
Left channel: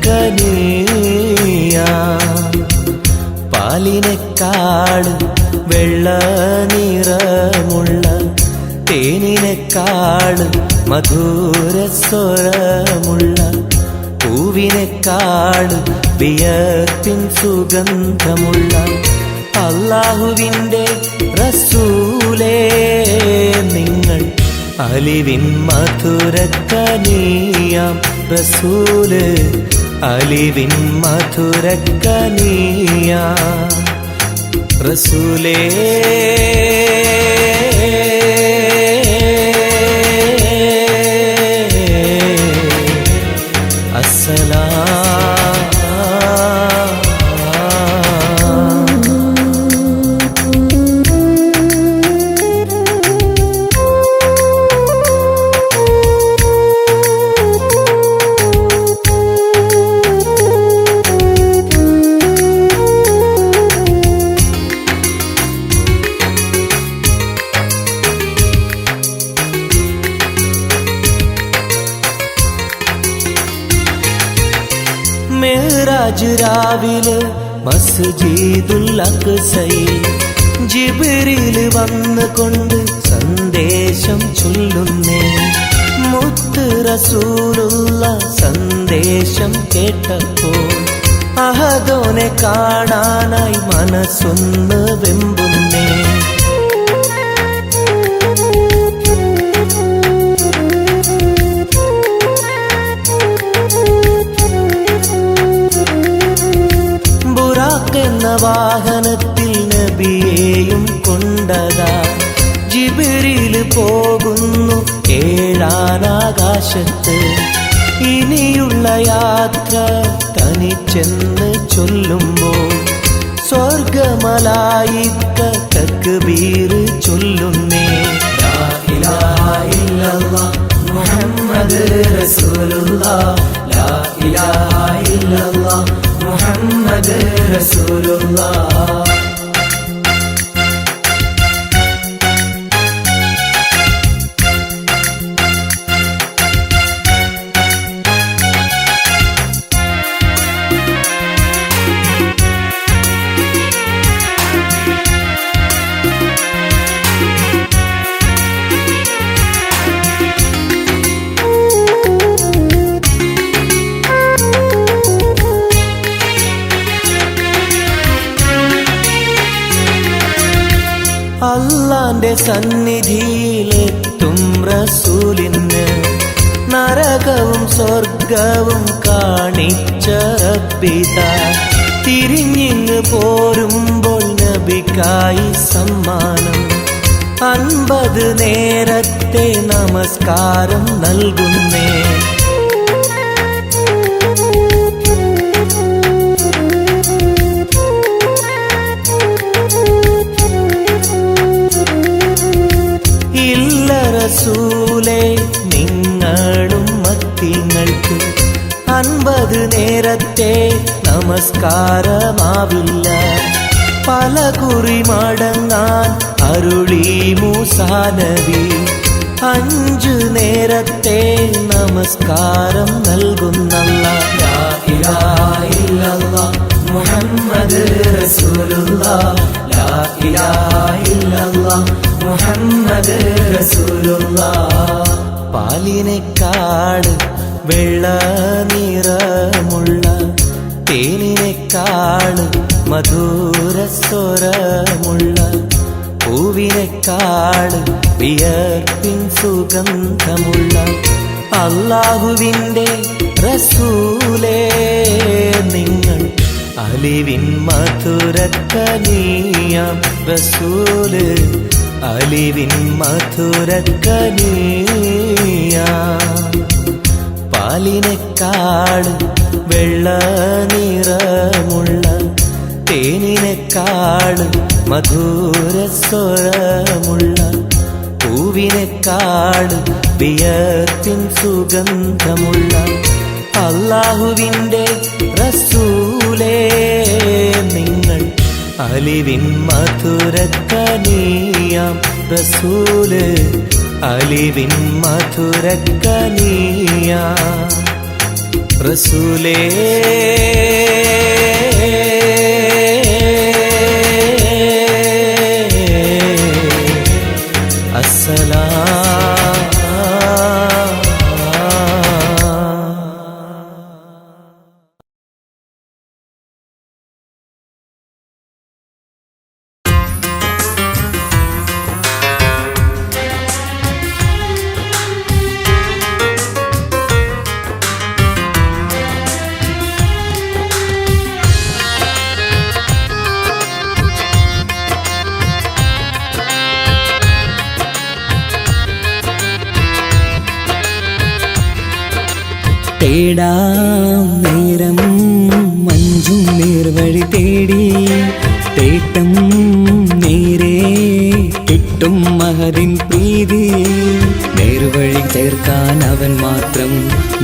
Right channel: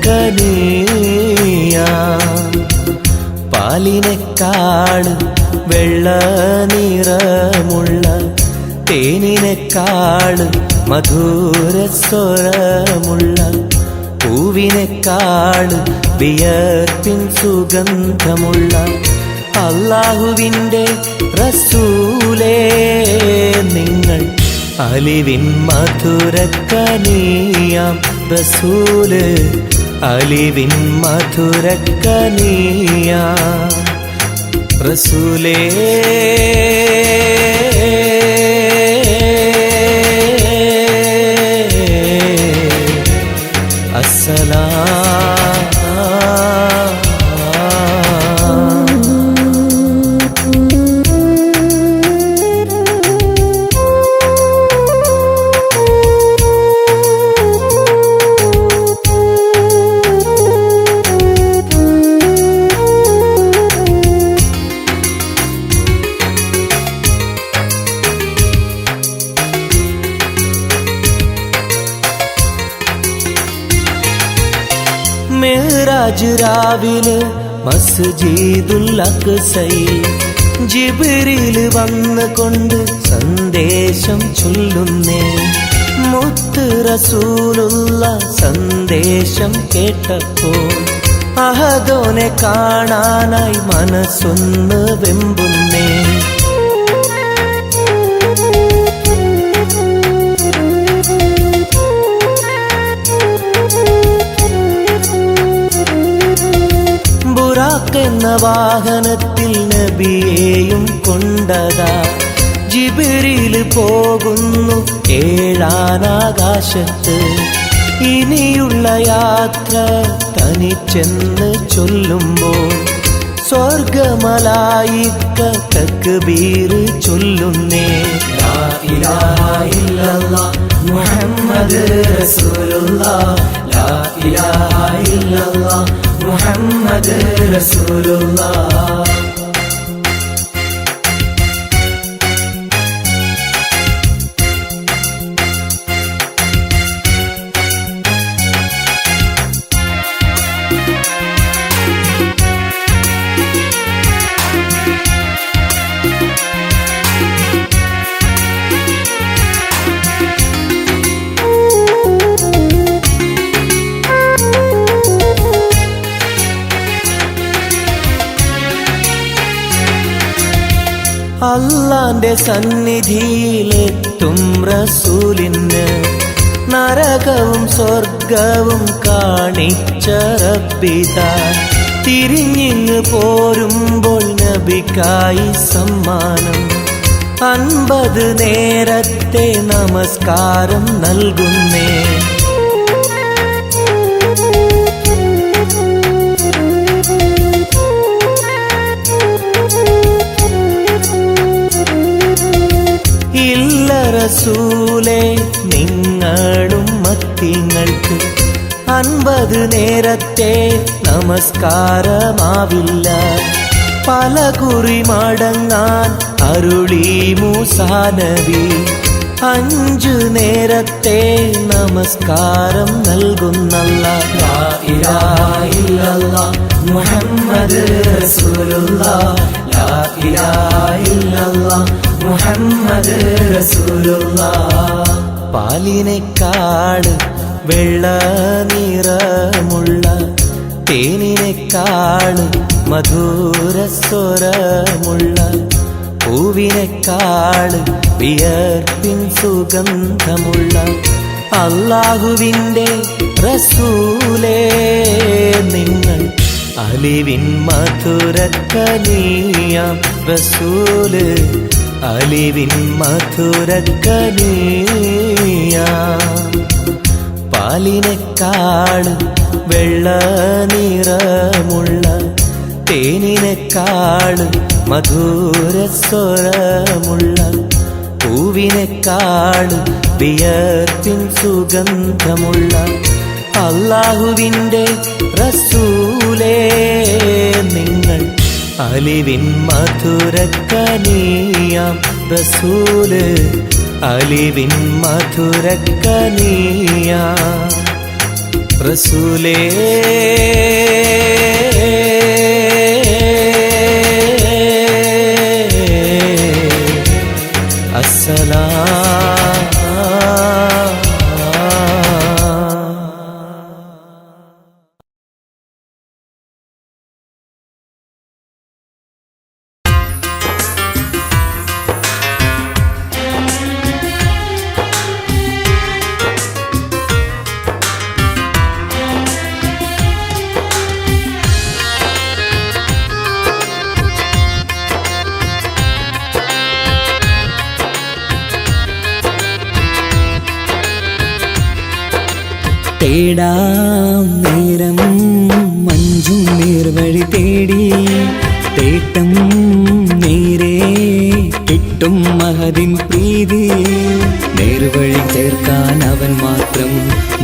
പാലിനേക്കാട് വെള്ള നിറമുള്ള തേനിനേക്കാട് മധുരസ്വരമുള്ള പൂവിനേക്കാട് വിയർപ്പിൻ സുഗന്ധമുള്ള അല്ലാഹുവിൻ്റെ റസൂലേ നിങ്ങൾ അലിവിൻ മധുരക്കനിയാം റസൂല് അലിവിൻ മധുരക്കനിയാം റസൂലേ. മിഅ്റാജ് രാവിലെ മസ്ജിദുൽ അഖ്സയിൽ ജിബ്രീൽ വന്നുകൊണ്ട് സന്ദേശം ചൊല്ലുന്നേ. മുത്ത് റസൂലുള്ള സന്ദേശം കേട്ടപ്പോൾ അഹദോനെ കാണാനായി മനസ്സൊന്ന് വെമ്പുന്നേ. ബുറാഖ് എന്ന വാഹനത്തിൽ നബിയെയും കൊണ്ടതാ ജിബ്രീൽ പോകുന്നു ഏഴാനാകാശത്ത്. ഇനിയുള്ള യാത്ര തനിച്ചെന്ന് ചൊല്ലുമ്പോൾ സ്വർഗമലായിക്ക തക്ബീർ ചൊല്ലുന്നേ. ലാ ഇലാഹ ഇല്ലല്ലാഹ് മുഹമ്മദ് റസൂലുള്ളാഹ്, ലാ ഇലാഹ ഇല്ലല്ലാഹ് മുഹമ്മദ് റസൂലുള്ളാഹ്. അല്ലാന്റെ സന്നിധിയിലെത്തും റസൂലിന് നരകവും സ്വർഗവും കാണിച്ച റബ്ബിതാ. തിരിഞ്ഞിങ്ങ് പോരുമ്പോൾ നബിക്കായി സമ്മാനം 50 നേരത്തെ നമസ്കാരം നൽകുന്നേ. റസൂലേ നിങ്ങളും മത്തിങ്ങൾക്ക് 50 നേരത്തെ നമസ്കാരമാവില്ല. പല കുറി മടങ്ങാൻ അരുളി മൂസാ നബി. 5 നേരത്തെ നമസ്കാരം നൽകുന്നല്ലാഹ്. ലാ ഇലാഹ ഇല്ലല്ലാഹ് മുഹമ്മദ് റസൂലുള്ളാഹ്, ലാ ഇലാഹ ഇല്ലല്ലാഹ് മുഹമ്മദ് റസൂലുള്ളാഹ്. പാലിനെക്കാട് വെള്ള നിറമുള്ള തേനിനെക്കാട് മധുരസ്വരമുള്ള പൂവിനെക്കാട് വിയർപ്പിൻ സുഗന്ധമുള്ള അല്ലാഹുവിൻ്റെ റസൂലേ നിങ്ങൾ അലിവിൻ മധുരക്കനിയാം റസൂല്, അലിവിൻ മധുരക്കനിയാം. പാലിനെക്കാട് വെള്ള നിറമുള്ള തേനിനെക്കാട് മധുരസ്വരമുള്ള പൂവിനെക്കാട് വിയർപ്പിൻ സുഗന്ധമുള്ള അല്ലാഹുവിൻ്റെ റസൂലേ നിങ്ങൾ അലിവിൻ മധുരക്കനിയാം റസൂല്, അലിവിൻ മധുരക്കനിയാം റസൂലേ. തേടാം നേരം മഞ്ചും നേർവഴി തേടി തേട്ടം നേരെ കിട്ടും മഹദിൻ പ്രീതി. നേർവഴി ചേർക്കാൻ അവൻ മാത്രം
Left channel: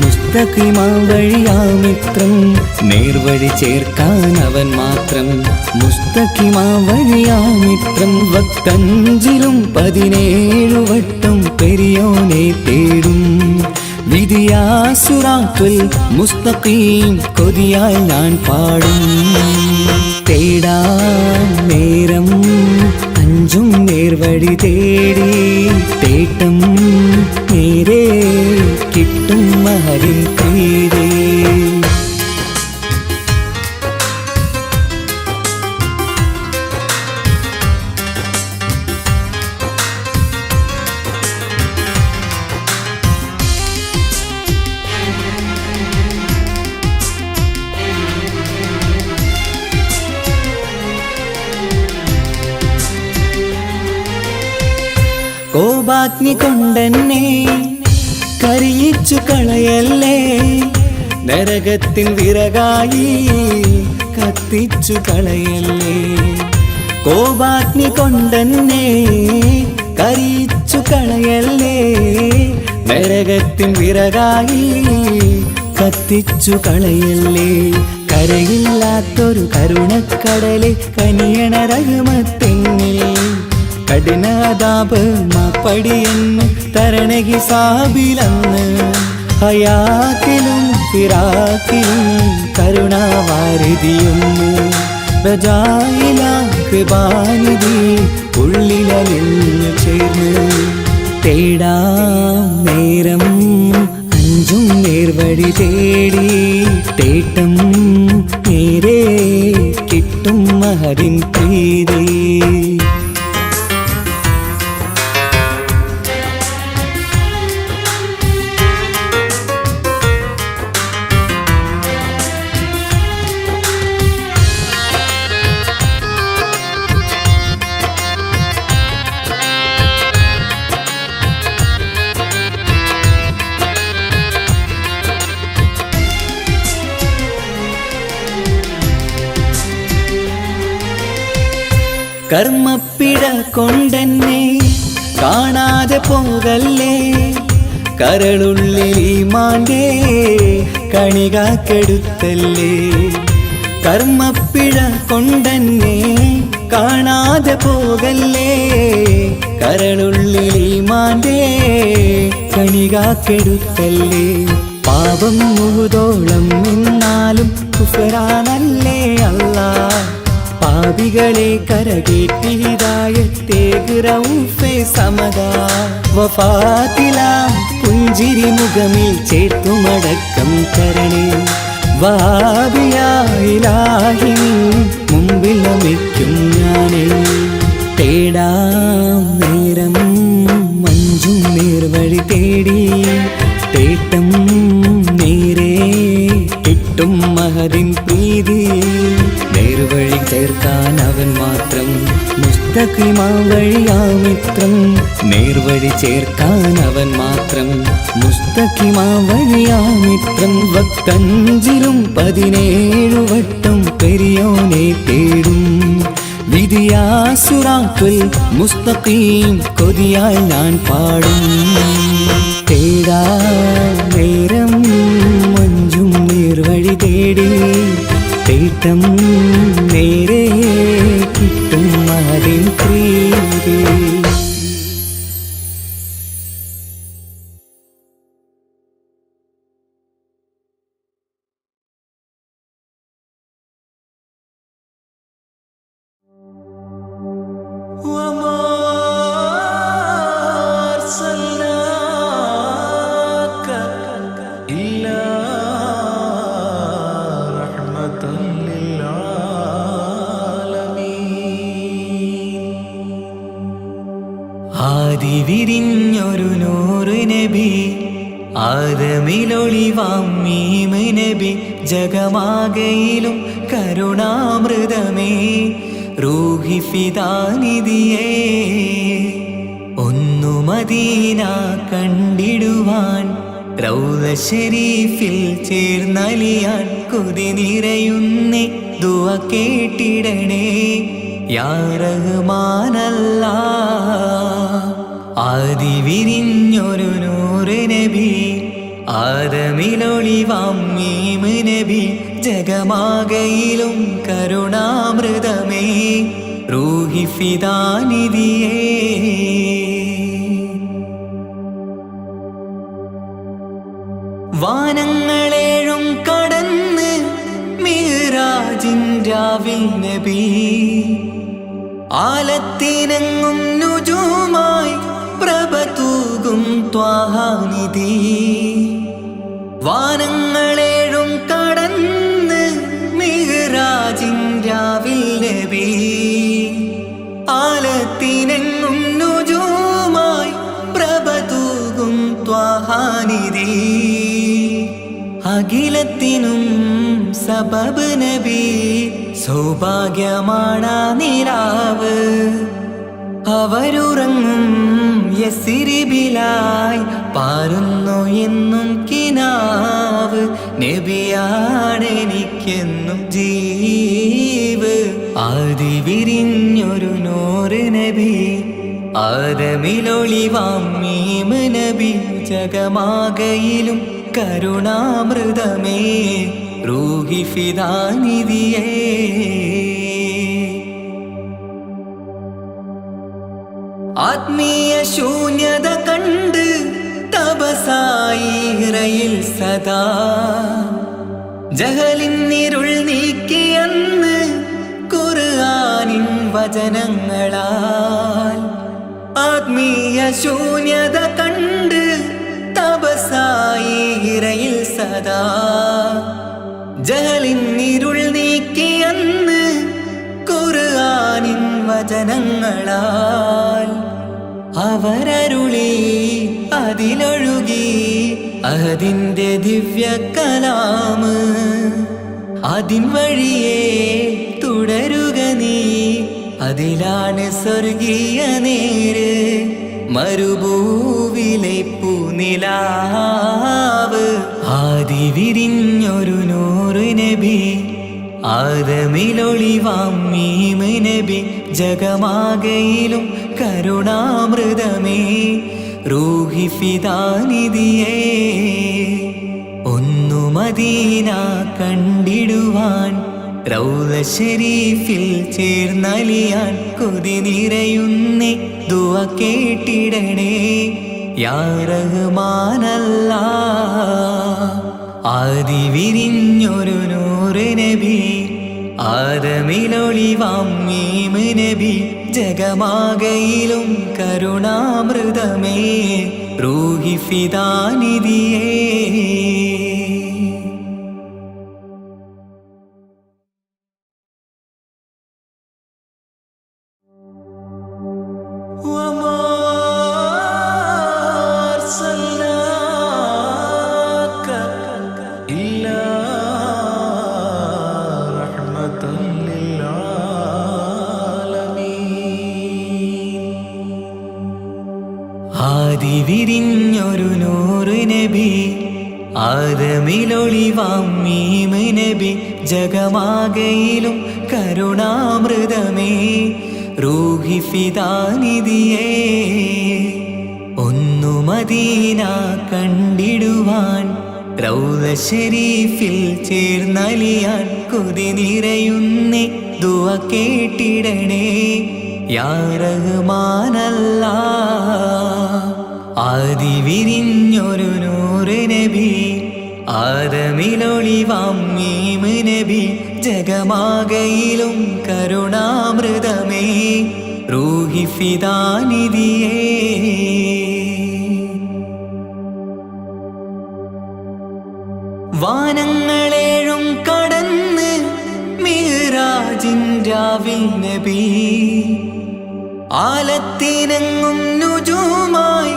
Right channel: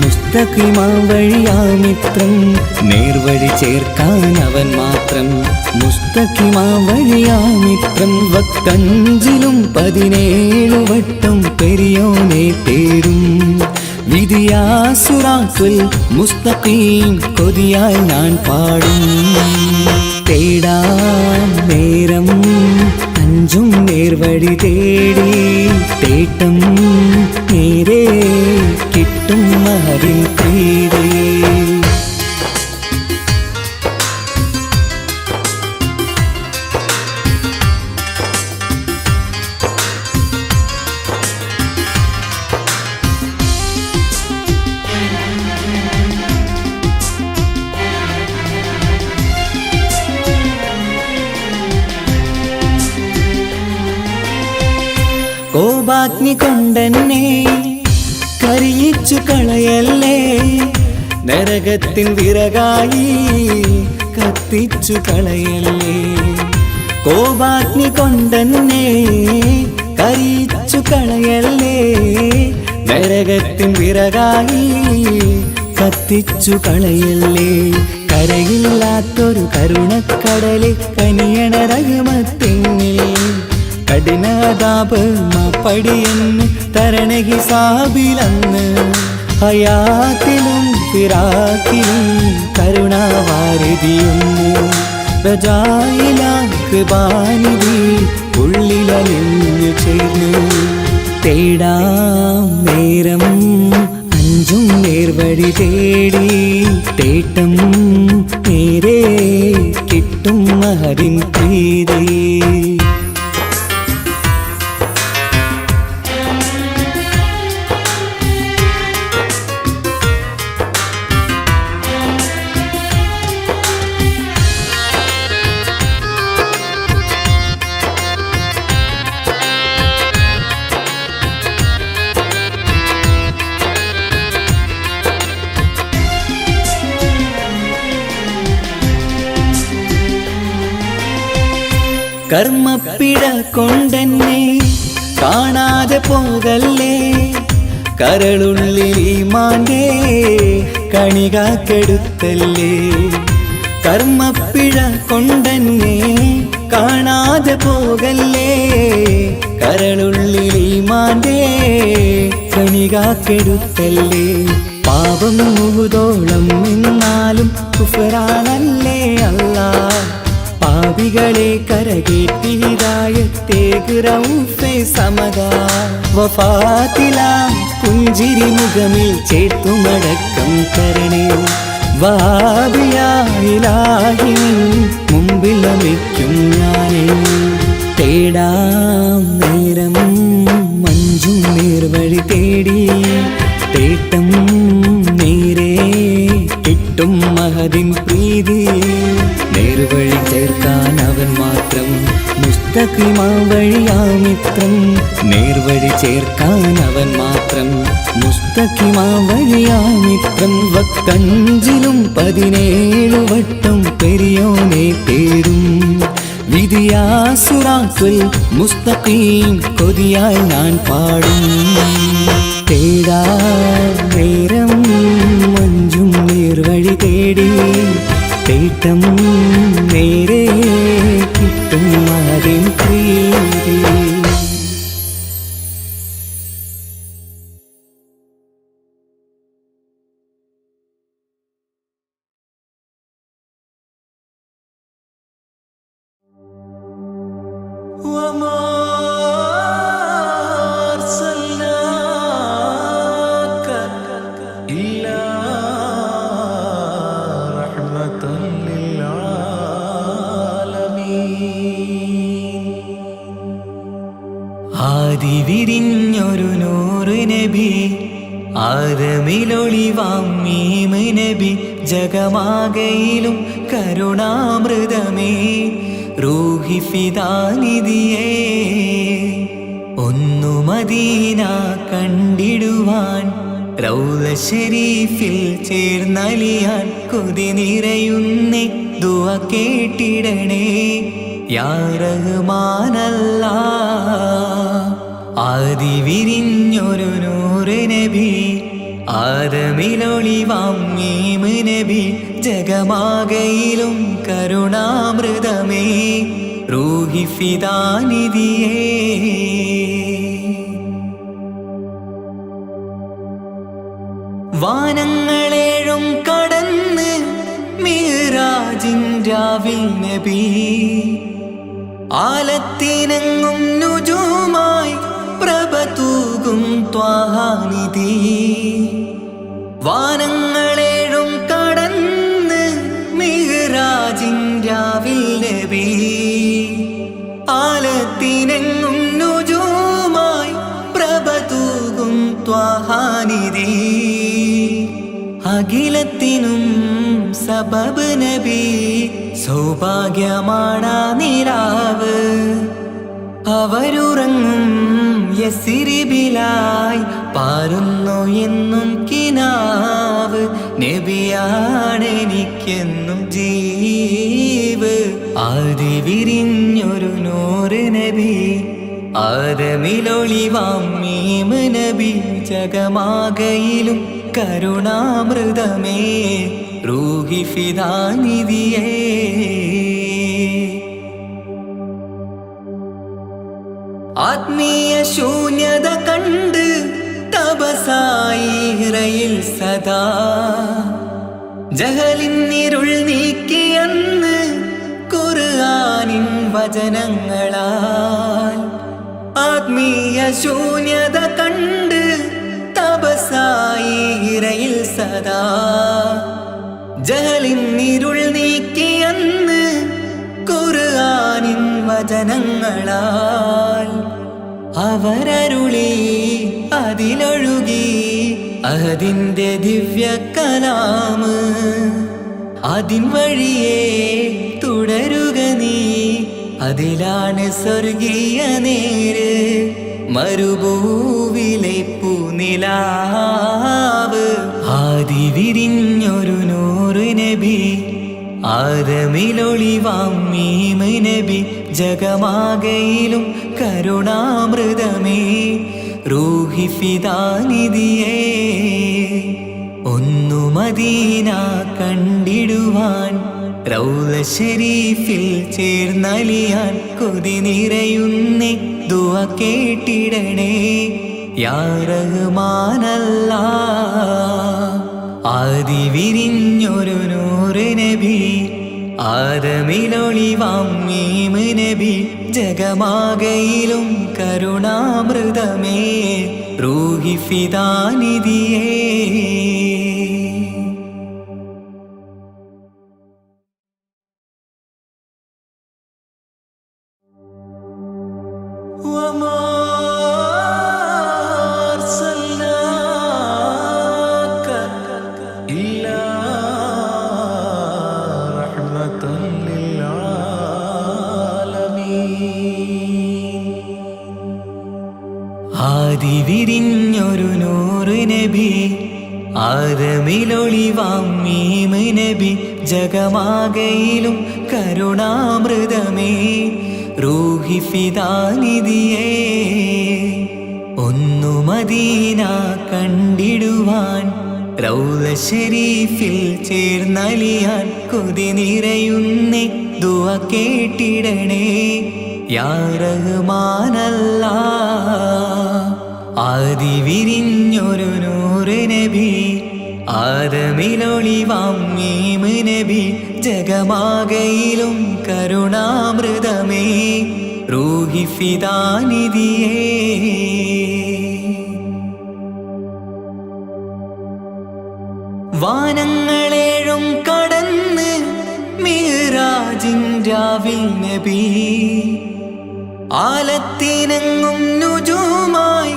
മുസ്തഖിമാ വഴിയാമിത്രം. നേർവഴി ചേർക്കാൻ അവൻ മാത്രം മുസ്തഖിമാ വഴിയാമിത്രം. വക്കഞ്ചിലും 17 വട്ടം പെരിയോനെ തേടും വിധിയാ സിറാത്തുൽ മുസ്തഖീം കൊതിയാൽ ഞാൻ പാടും. തേടാം നേരം അഞ്ചും നേർവഴി തേടി തേട്ടം നേരെ കിട്ടും മഹരിൻ പ്രീതി. കോപാഗ്നി കൊണ്ടെന്നെ കരിയിച്ചു കളയല്ലേ, നരകത്തിൻ വിറകായി കത്തിച്ചു കളയല്ലേ. കോപാഗ്നി കൊണ്ടെന്നെ കരിയിച്ചു കളയല്ലേ, നരകത്തിൻ വിറകായി കത്തിച്ചു കളയല്ലേ. കരയില്ലാത്തൊരു കരുണക്കടലെ കനിയണ റഹ്മത്തിന്നിൽ കഠിനതാപ് മാപ്പടിയെന്ന് തരണ ഹിസാബിലന്ന്. ഹയാത്തിലും ഫിറാക്കിലും കരുണാവാരിതിയൊന്ന് പ്രജായില കൃപാനിധി ഉള്ളിലലിഞ്ഞു ചേർന്ന്. തേടാം നേരം അഞ്ചും നേർവഴി തേടി തേട്ടം നേരെ കിട്ടും മഹരിൻ പ്രീതി. കർമ്മപ്പിട കൊണ്ടെന്നെ കാണാതെ പോകല്ലേ, കരളുള്ളിൽ ഈമാന്റെ കണികാക്കെടുത്തല്ലേ. കർമ്മപ്പിഴ കൊണ്ടെന്നെ കാണാതെ പോകല്ലേ, കരളുള്ളിൽ ഈമാന്റെ കണികാക്കെടുത്തല്ലേ. പാപം മുഹുദോളം എന്നാലും കുഫറാനല്ലേ അല്ലാ, പാപികളെ കരകേറ്റി ഹിദായത്തേക് റഊഫേ സമദാ. വഫാത്തിലാം പുഞ്ചിരി മുഖമിൽ ചേർത്തുമടക്കം തരണേ, വഹാബിയായിലാഹി മുമ്പിൽ നമിക്കും ഞാനേ. തേടാം നേരം മഞ്ചും നേർവഴി തേടി തേട്ടം നേരെ കിട്ടും മഹദിൻ പ്രീതി. നേർവഴി ചേർക്കാൻ അവൻ മാത്രം മുസ്തഖിമാ വഴിയാമിത്രം. നേർവഴി ചേർക്കാൻ അവൻ മാത്രം മുസ്തഖിമാ വഴിയാമിത്രം. വക്കഞ്ചിലും 17 വട്ടം പെരിയോനെ തേടും വിധിയാസുറാത്തുൽ മുസ്തഖീം കൊതിയാൽ ഞാൻ പാടും. തേടാ നേരം മഞ്ചും നേർവഴി തേടി തേട്ടം നേരെ കിട്ടും മഹരിൻ പ്രീതി. ആദിവിരിഞ്ഞൊരു നൂറ് നബി, ആദമിലൊളിവാം മീമ് നബി. ജഗമാകയിലും കരുണാമൃതമേ റൂഹി ഫിദാനിധിയേ. ഒന്നു മദീന കണ്ടിടുവാൻ റൗള ശരീഫിൽ ചേർന്നലിയാൻ കൊതി നിറയുന്നേ ദുആ കേട്ടിടണേ യാ റഹ്മാനല്ലാ. ആദിവിരിഞ്ഞൊരു നൂറ് നബി, ആദമിലൊളിവാം മീമ് നബി. ജഗമാകയിലും കരുണാമൃതമേ റൂഹി ഫിദാനിധിയേ. വാനങ്ങളേഴും കടന്ന് മിഹ്റാജിൻ രാവിൽ നബി, ആലത്തിനെങ്ങും നുജൂമായി പ്രഭ തൂകും ത്വാഹാനിധി. വാനങ്ങളേഴും കടന്ന് മിഹ്റാജിൻ രാവിൽ നബി. ആലത്തിനെങ്ങും നുജൂമായി പ്രഭ തൂകും ത്വാഹാനിധി. അഖിലത്തിനും സബബ് നബി. സൗഭാഗ്യമാണാ നിലാവ്. അവരുറങ്ങും യസിരിബിലായി പാരുന്നു എന്നും കിനാവ്. നബിയാണെനിക്കെന്നും ജീവ്. ആദി വിരിഞ്ഞൊരു നൂറ് നബി. ആദമിലൊളിവാം മീമ് നബി. ജഗമാകയിലും കരുണാമൃതമേ റൂഹി ഫിദാനിധിയേ. ആത്മീയ ശൂന്യത കണ്ട് തപസായി ഇറയിൽ സദാ. ജഹലിന്നിരുൾ നീക്കിയന്ന് ഖുർആനിൻ വചനങ്ങളാൽ. ആത്മീയ ശൂന്യത കണ്ട് തപസായി ഇറയിൽ സദാ. ജഹലിന്നിരുൾ നീക്കിയന്ന് ഖുർആനിൻ വചനങ്ങളാൽ. അവരരുളി അതിലൊഴുകി അതിന്റെ ദിവ്യ കലാമ്. അതിൻ വഴിയേ തുടരുക നീ. അതിലാണ് സ്വർഗീയ നേര്. മരുഭൂവിലെ പൂനിലാവ്. ആദി വിരിഞ്ഞൊരു നൂറ് നബി. ആദമിലൊളിവാം മീമ് നബി. ജഗമാകയിലും കരുണാമൃതമേ റൂഹി ഫിദാനിധിയേ. ഒന്നു മദീന കണ്ടിടുവാൻ റൗള ശരീഫിൽ ചേർന്നലിയാൻ കൊതി നിറയുന്നേ. ദുആ കേട്ടിടണേ യാ റഹ്മാനല്ലാഹ്. ആദി വിരിഞ്ഞൊരു നൂറ് നബി. ആദമിലൊളിവാം മീമ് നബി. ജഗമാകയിലും കരുണാമൃതമേ റൂഹി ഫിദാനിധിയേ. وما أرسلناك إلا رحمة للعالمين. ആദി വിരിഞ്ഞൊരു നൂറ് നബി. ആദമിലൊളിവാം മീമ് നബി. ജഗമാകയിലും കരുണാമൃതമേ റൂഹി ഫിദാനിധിയേ. ഒന്നു മദീന കണ്ടിടുവാൻ റൗള ശരീഫിൽ ചേർന്നലിയാൻ കൊതി നിറയുന്നേ. ദുആ കേട്ടിടണേ യാ റഹ്മാനല്ലാഹ്. ആദി വിരിഞ്ഞൊരു നൂറ് നബി. ആദമിലൊളിവാം മീമ് നബി. ജഗമാകയിലും കരുണാമൃതമേ റൂഹി ഫിദാനിധിയേ. വാനങ്ങളേഴും കടന്ന് മിഹ്റാജിൻ രാവിൽ നബി. ആലത്തിനെങ്ങും നുജൂമായി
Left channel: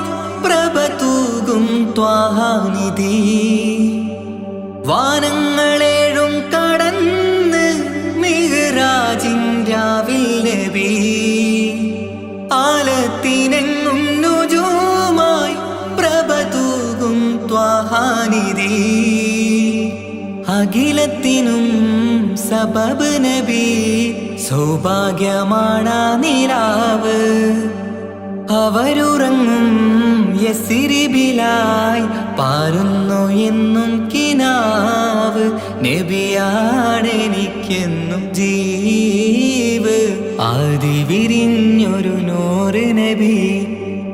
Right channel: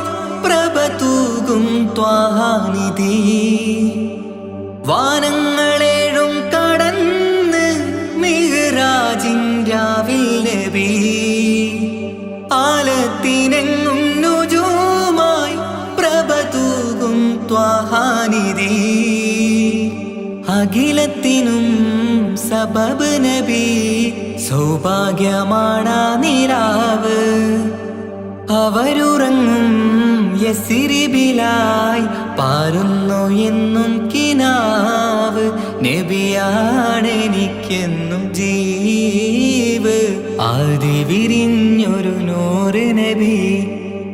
പ്രഭ തൂകും ത്വാഹാനിധി. വാനങ്ങളേഴും കടന്ന് മിഹ്റാജിൻ രാവിൽ നബി. ആലത്തിനെങ്ങും നുജൂമായി പ്രഭ തൂകും ത്വാഹാനിധി. അഖിലത്തിനും സബബ് നബി. സൗഭാഗ്യമാണാ നിലാവ്. അവരുറങ്ങും യസിരിബിലായി പാരുന്നു എന്നും കിനാവ്. നബിയാണെനിക്കെന്നും ജീവ്. ആദി വിരിഞ്ഞൊരു നൂറ് നബി.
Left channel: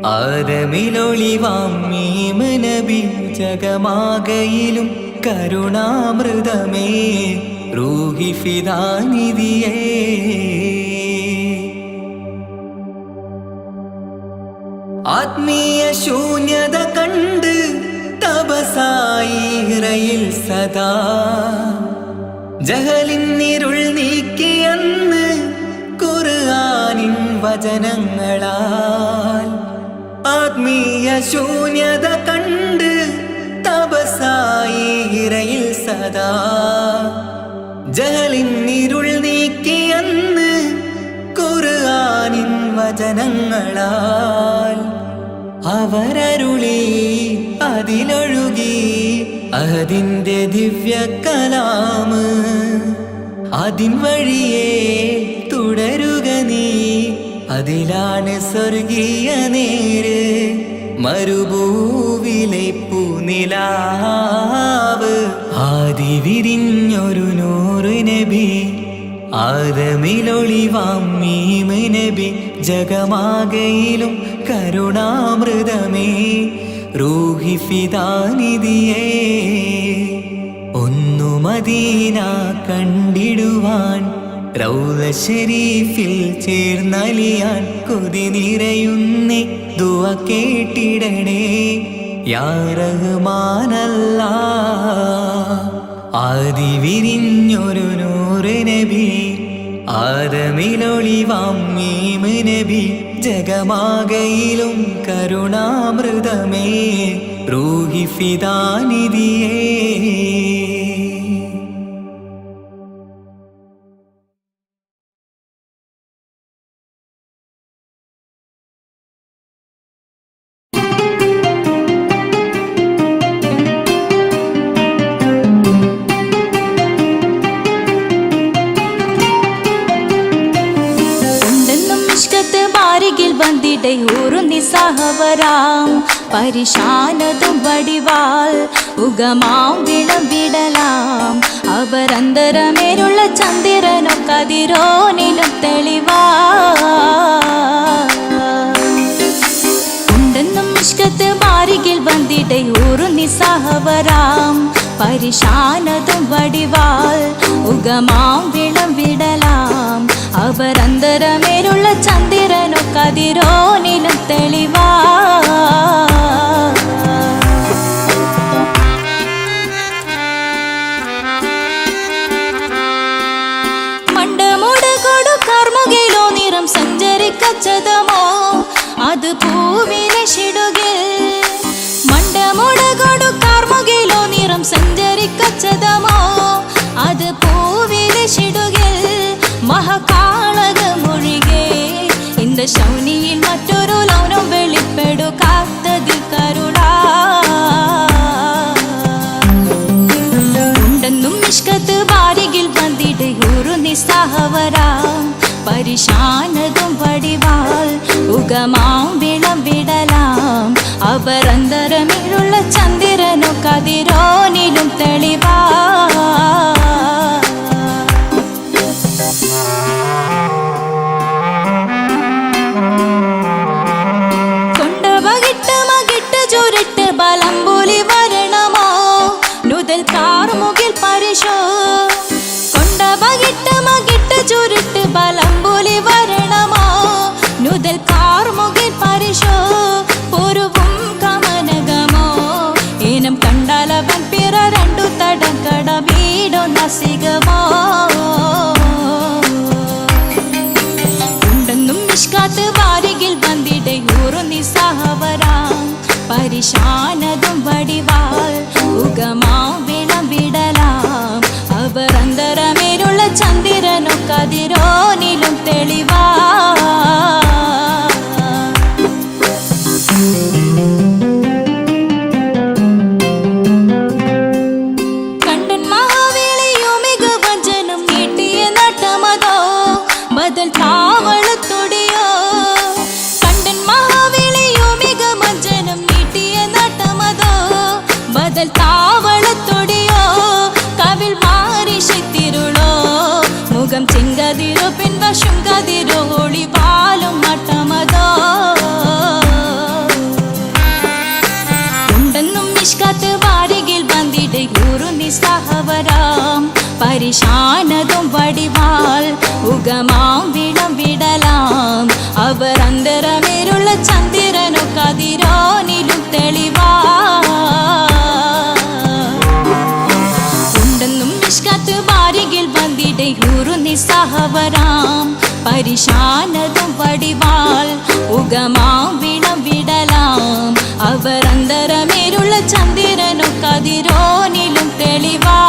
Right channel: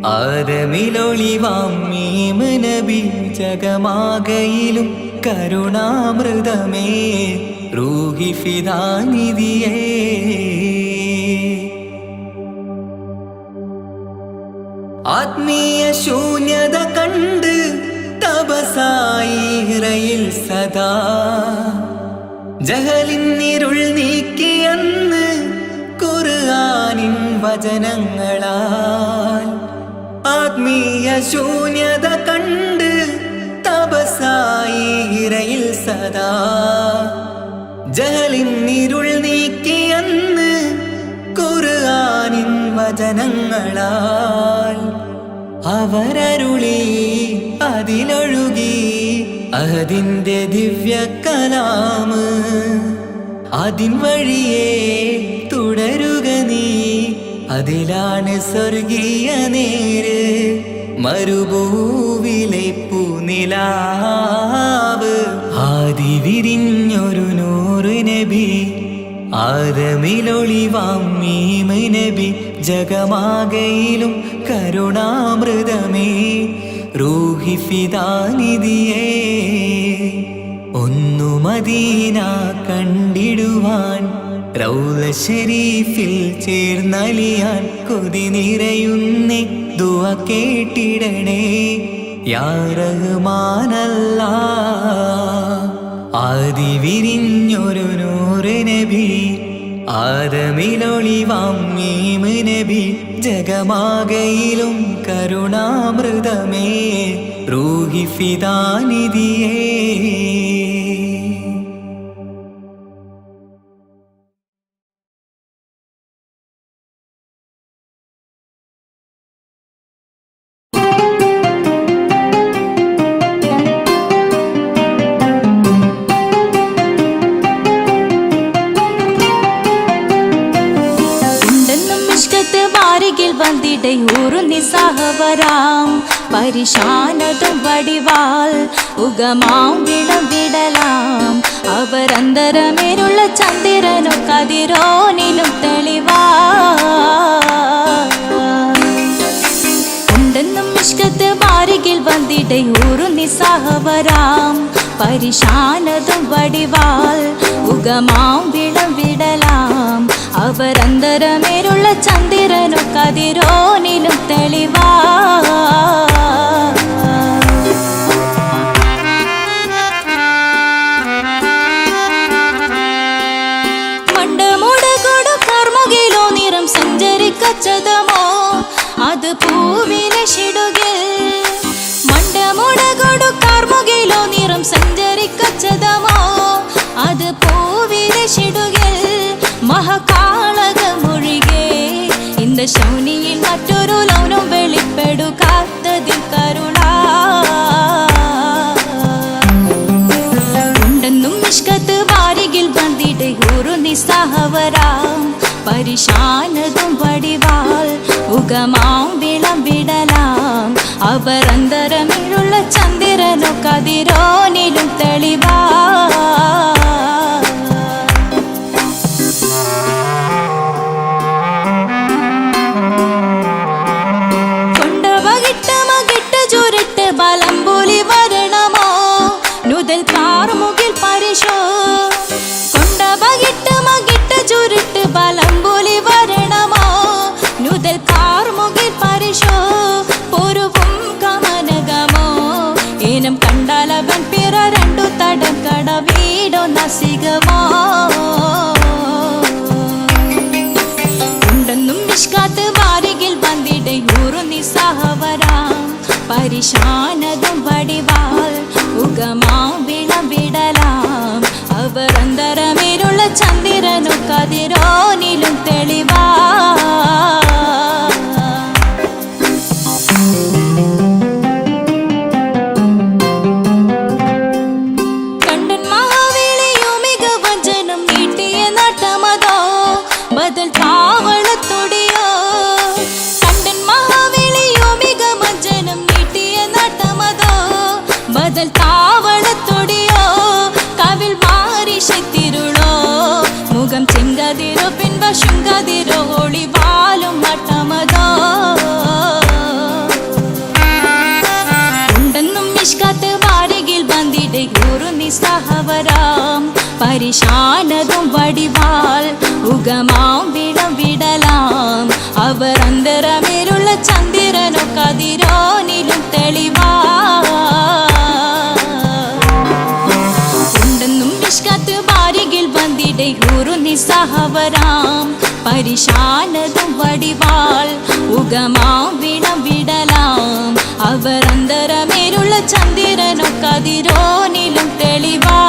ആദമിലൊളിവാം മീമ് നബി. ജഗമാകയിലും കരുണാമൃതമേ റൂഹി ഫിദാനിധിയേ. ആത്മീയ ശൂന്യത കണ്ട് തപസായി ഇറയിൽ സദാ ജഹലിന്നിരുൾ നീക്കിയെന്ന് ഖുർആനിൻ വചനങ്ങളാൽ. ആത്മീയ ശൂന്യത കണ്ട് തപസായി ഇറയിൽ സദാ ജഹലിന്നിരുൾ നീക്കിയെന്ന് ഖുർആനിൻ വചനങ്ങളാൽ. അവരരുളി അതിലൊഴുകി അതിൻ്റെ ദിവ്യ കലാമ്. അതിൻ വഴിയേ തുടരുക നീ, അതിലാണ് സ്വർഗീയ നേര്. മരുഭൂവിലെ പൂനിലാവ് ആദി വിരിഞ്ഞൊരു നൂറ് നബി. ആദമിലൊളിവാം മീമ് നബി. ജഗമാകയിലും കരുണാമൃതമേ റൂഹി ഫിദാനിധിയേ. ഒന്നു മദീന കണ്ടിടുവാൻ റൗള ശരീഫിൽ ചേർന്നലിയാൻ കൊതി നിറയുന്നേ ദുആ കേട്ടിടണേ യാ റഹ്മാനല്ലാഹ്. ആദി വിരിഞ്ഞൊരു നൂറ് നബി. ആദമിലൊളിവാം മീമ് നബി. ജഗമാകയിലും കരുണാമൃതമേ റൂഹി ഫിദാനിധിയേ. നിസ്സഹവരാം പരിശാനതും വടിവാൽ ഉഗമാം വിളംവിടലാം. അവരന്തരമേലുള്ള ചന്ദ്രനോ കതിരോനിലും തെളിവാ. ഉണ്ടെന്നും ഇഷ്കത്ത് ബാരികിൽ വന്നിടയൂറും നിസ്സഹവരാം പരിശാനതും വടിവാൽ ഉഗമാം വിളംവിടലാം. അവരന്തരമേലുള്ള ചന്ദ്രനോ കതിരോനിലും തെളിവാ. മണ്ടമുടകൊടു കർമുകിലോ നിറം സഞ്ചരിക്കച്ചതമോ അത് പൂവിലെ ഷിടുകിൽ. മണ്ടമുടകൊടു കർമുകിലോ നിറം സഞ്ചരിക്കച്ചതമോ അത് പൂവിലെ ഷിടുകിൽ. മഹകാളകമൊഴികെ இந்த ശൗനിയിൽ മറ്റൊരു ലൗനം വെളിപ്പെടുക്കാത്തതിൽ കരുണാ. ഉണ്ടെന്നും ഇഷ്കത്ത് ബാരികിൽ വന്നിടയൂറു നിസ്സഹവരാം പരിശാനതും വടിവാൽ ഉഗമാം വിളംവിടലാം. അവരന്തരമിലുള്ള ചന്ദ്രനോ കതിരോനിലും തെളിവാ. ചുരുട്ട് ബലംബുലി വരണമോ നുതൽ കാർമുകിൽ പരിശോ. കൊണ്ട ബകിട്ട് മകിട്ട് ചുരുട്ട് ബലംബുലി വരണമോ നുതൽ കാർമുകിൽ പരിശോ. പൊരുവും കമനകമോ ഏനം കണ്ടാലവൻ പിറ രണ്ടു തടക്കട വീടോ നസികമോ. ഉണ്ടെന്നും മിഷ്കാത്ത് വാരികിൽ വന്നിടയൂറു നിസ്സഹവരാം പരിശാനതും വടിവാൽ ഉഗമാം വിളംവിടലാം. അവരന്തരമേലുള്ള ചന്ദ്രനോ കതിരോനിലും തെളിവാ. കണ്ടൻ മഹാവേളിയോ മികവഞ്ചനം നീട്ടിയ നട്ടമതോ ബദൽ താവളത്തൊടിയോ. കണ്ടൻ മഹാവേളിയോ മികവഞ്ചനം നീട്ടിയ നട്ടമതോ ബദൽ താവളത്തൊടിയോ. കവിൽ മാറി ശക്തിരുളോ മുഖം ചെങ്കതിരോ പിൻവശം കതിരോ ഒളിവാലും മട്ടമതോ. ഉണ്ടെന്നും മിഷ്കാത്ത് വാരികിൽ വന്നിടയൂറു നിസ്സഹവരാം പരിശാനതും വടിവാൾ ഉഗമാം വിളം വിടലാം അവർ അന്തരമേരുള്ള ചന്ദ്രനോ കതിരോനിലും തെളിവാ ഉണ്ടെന്നും മിഷ്കത്ത് ബാരികിൽ വന്നിടെ ഹൂറു നിസ്സഹവരാം പരിശാനതും വടിവാൾ ഉഗമാം വിളം വിടലാം അവർ അന്തരമേരുള്ള ചന്ദ്രനോ കതിരോനിലും തെളിവാ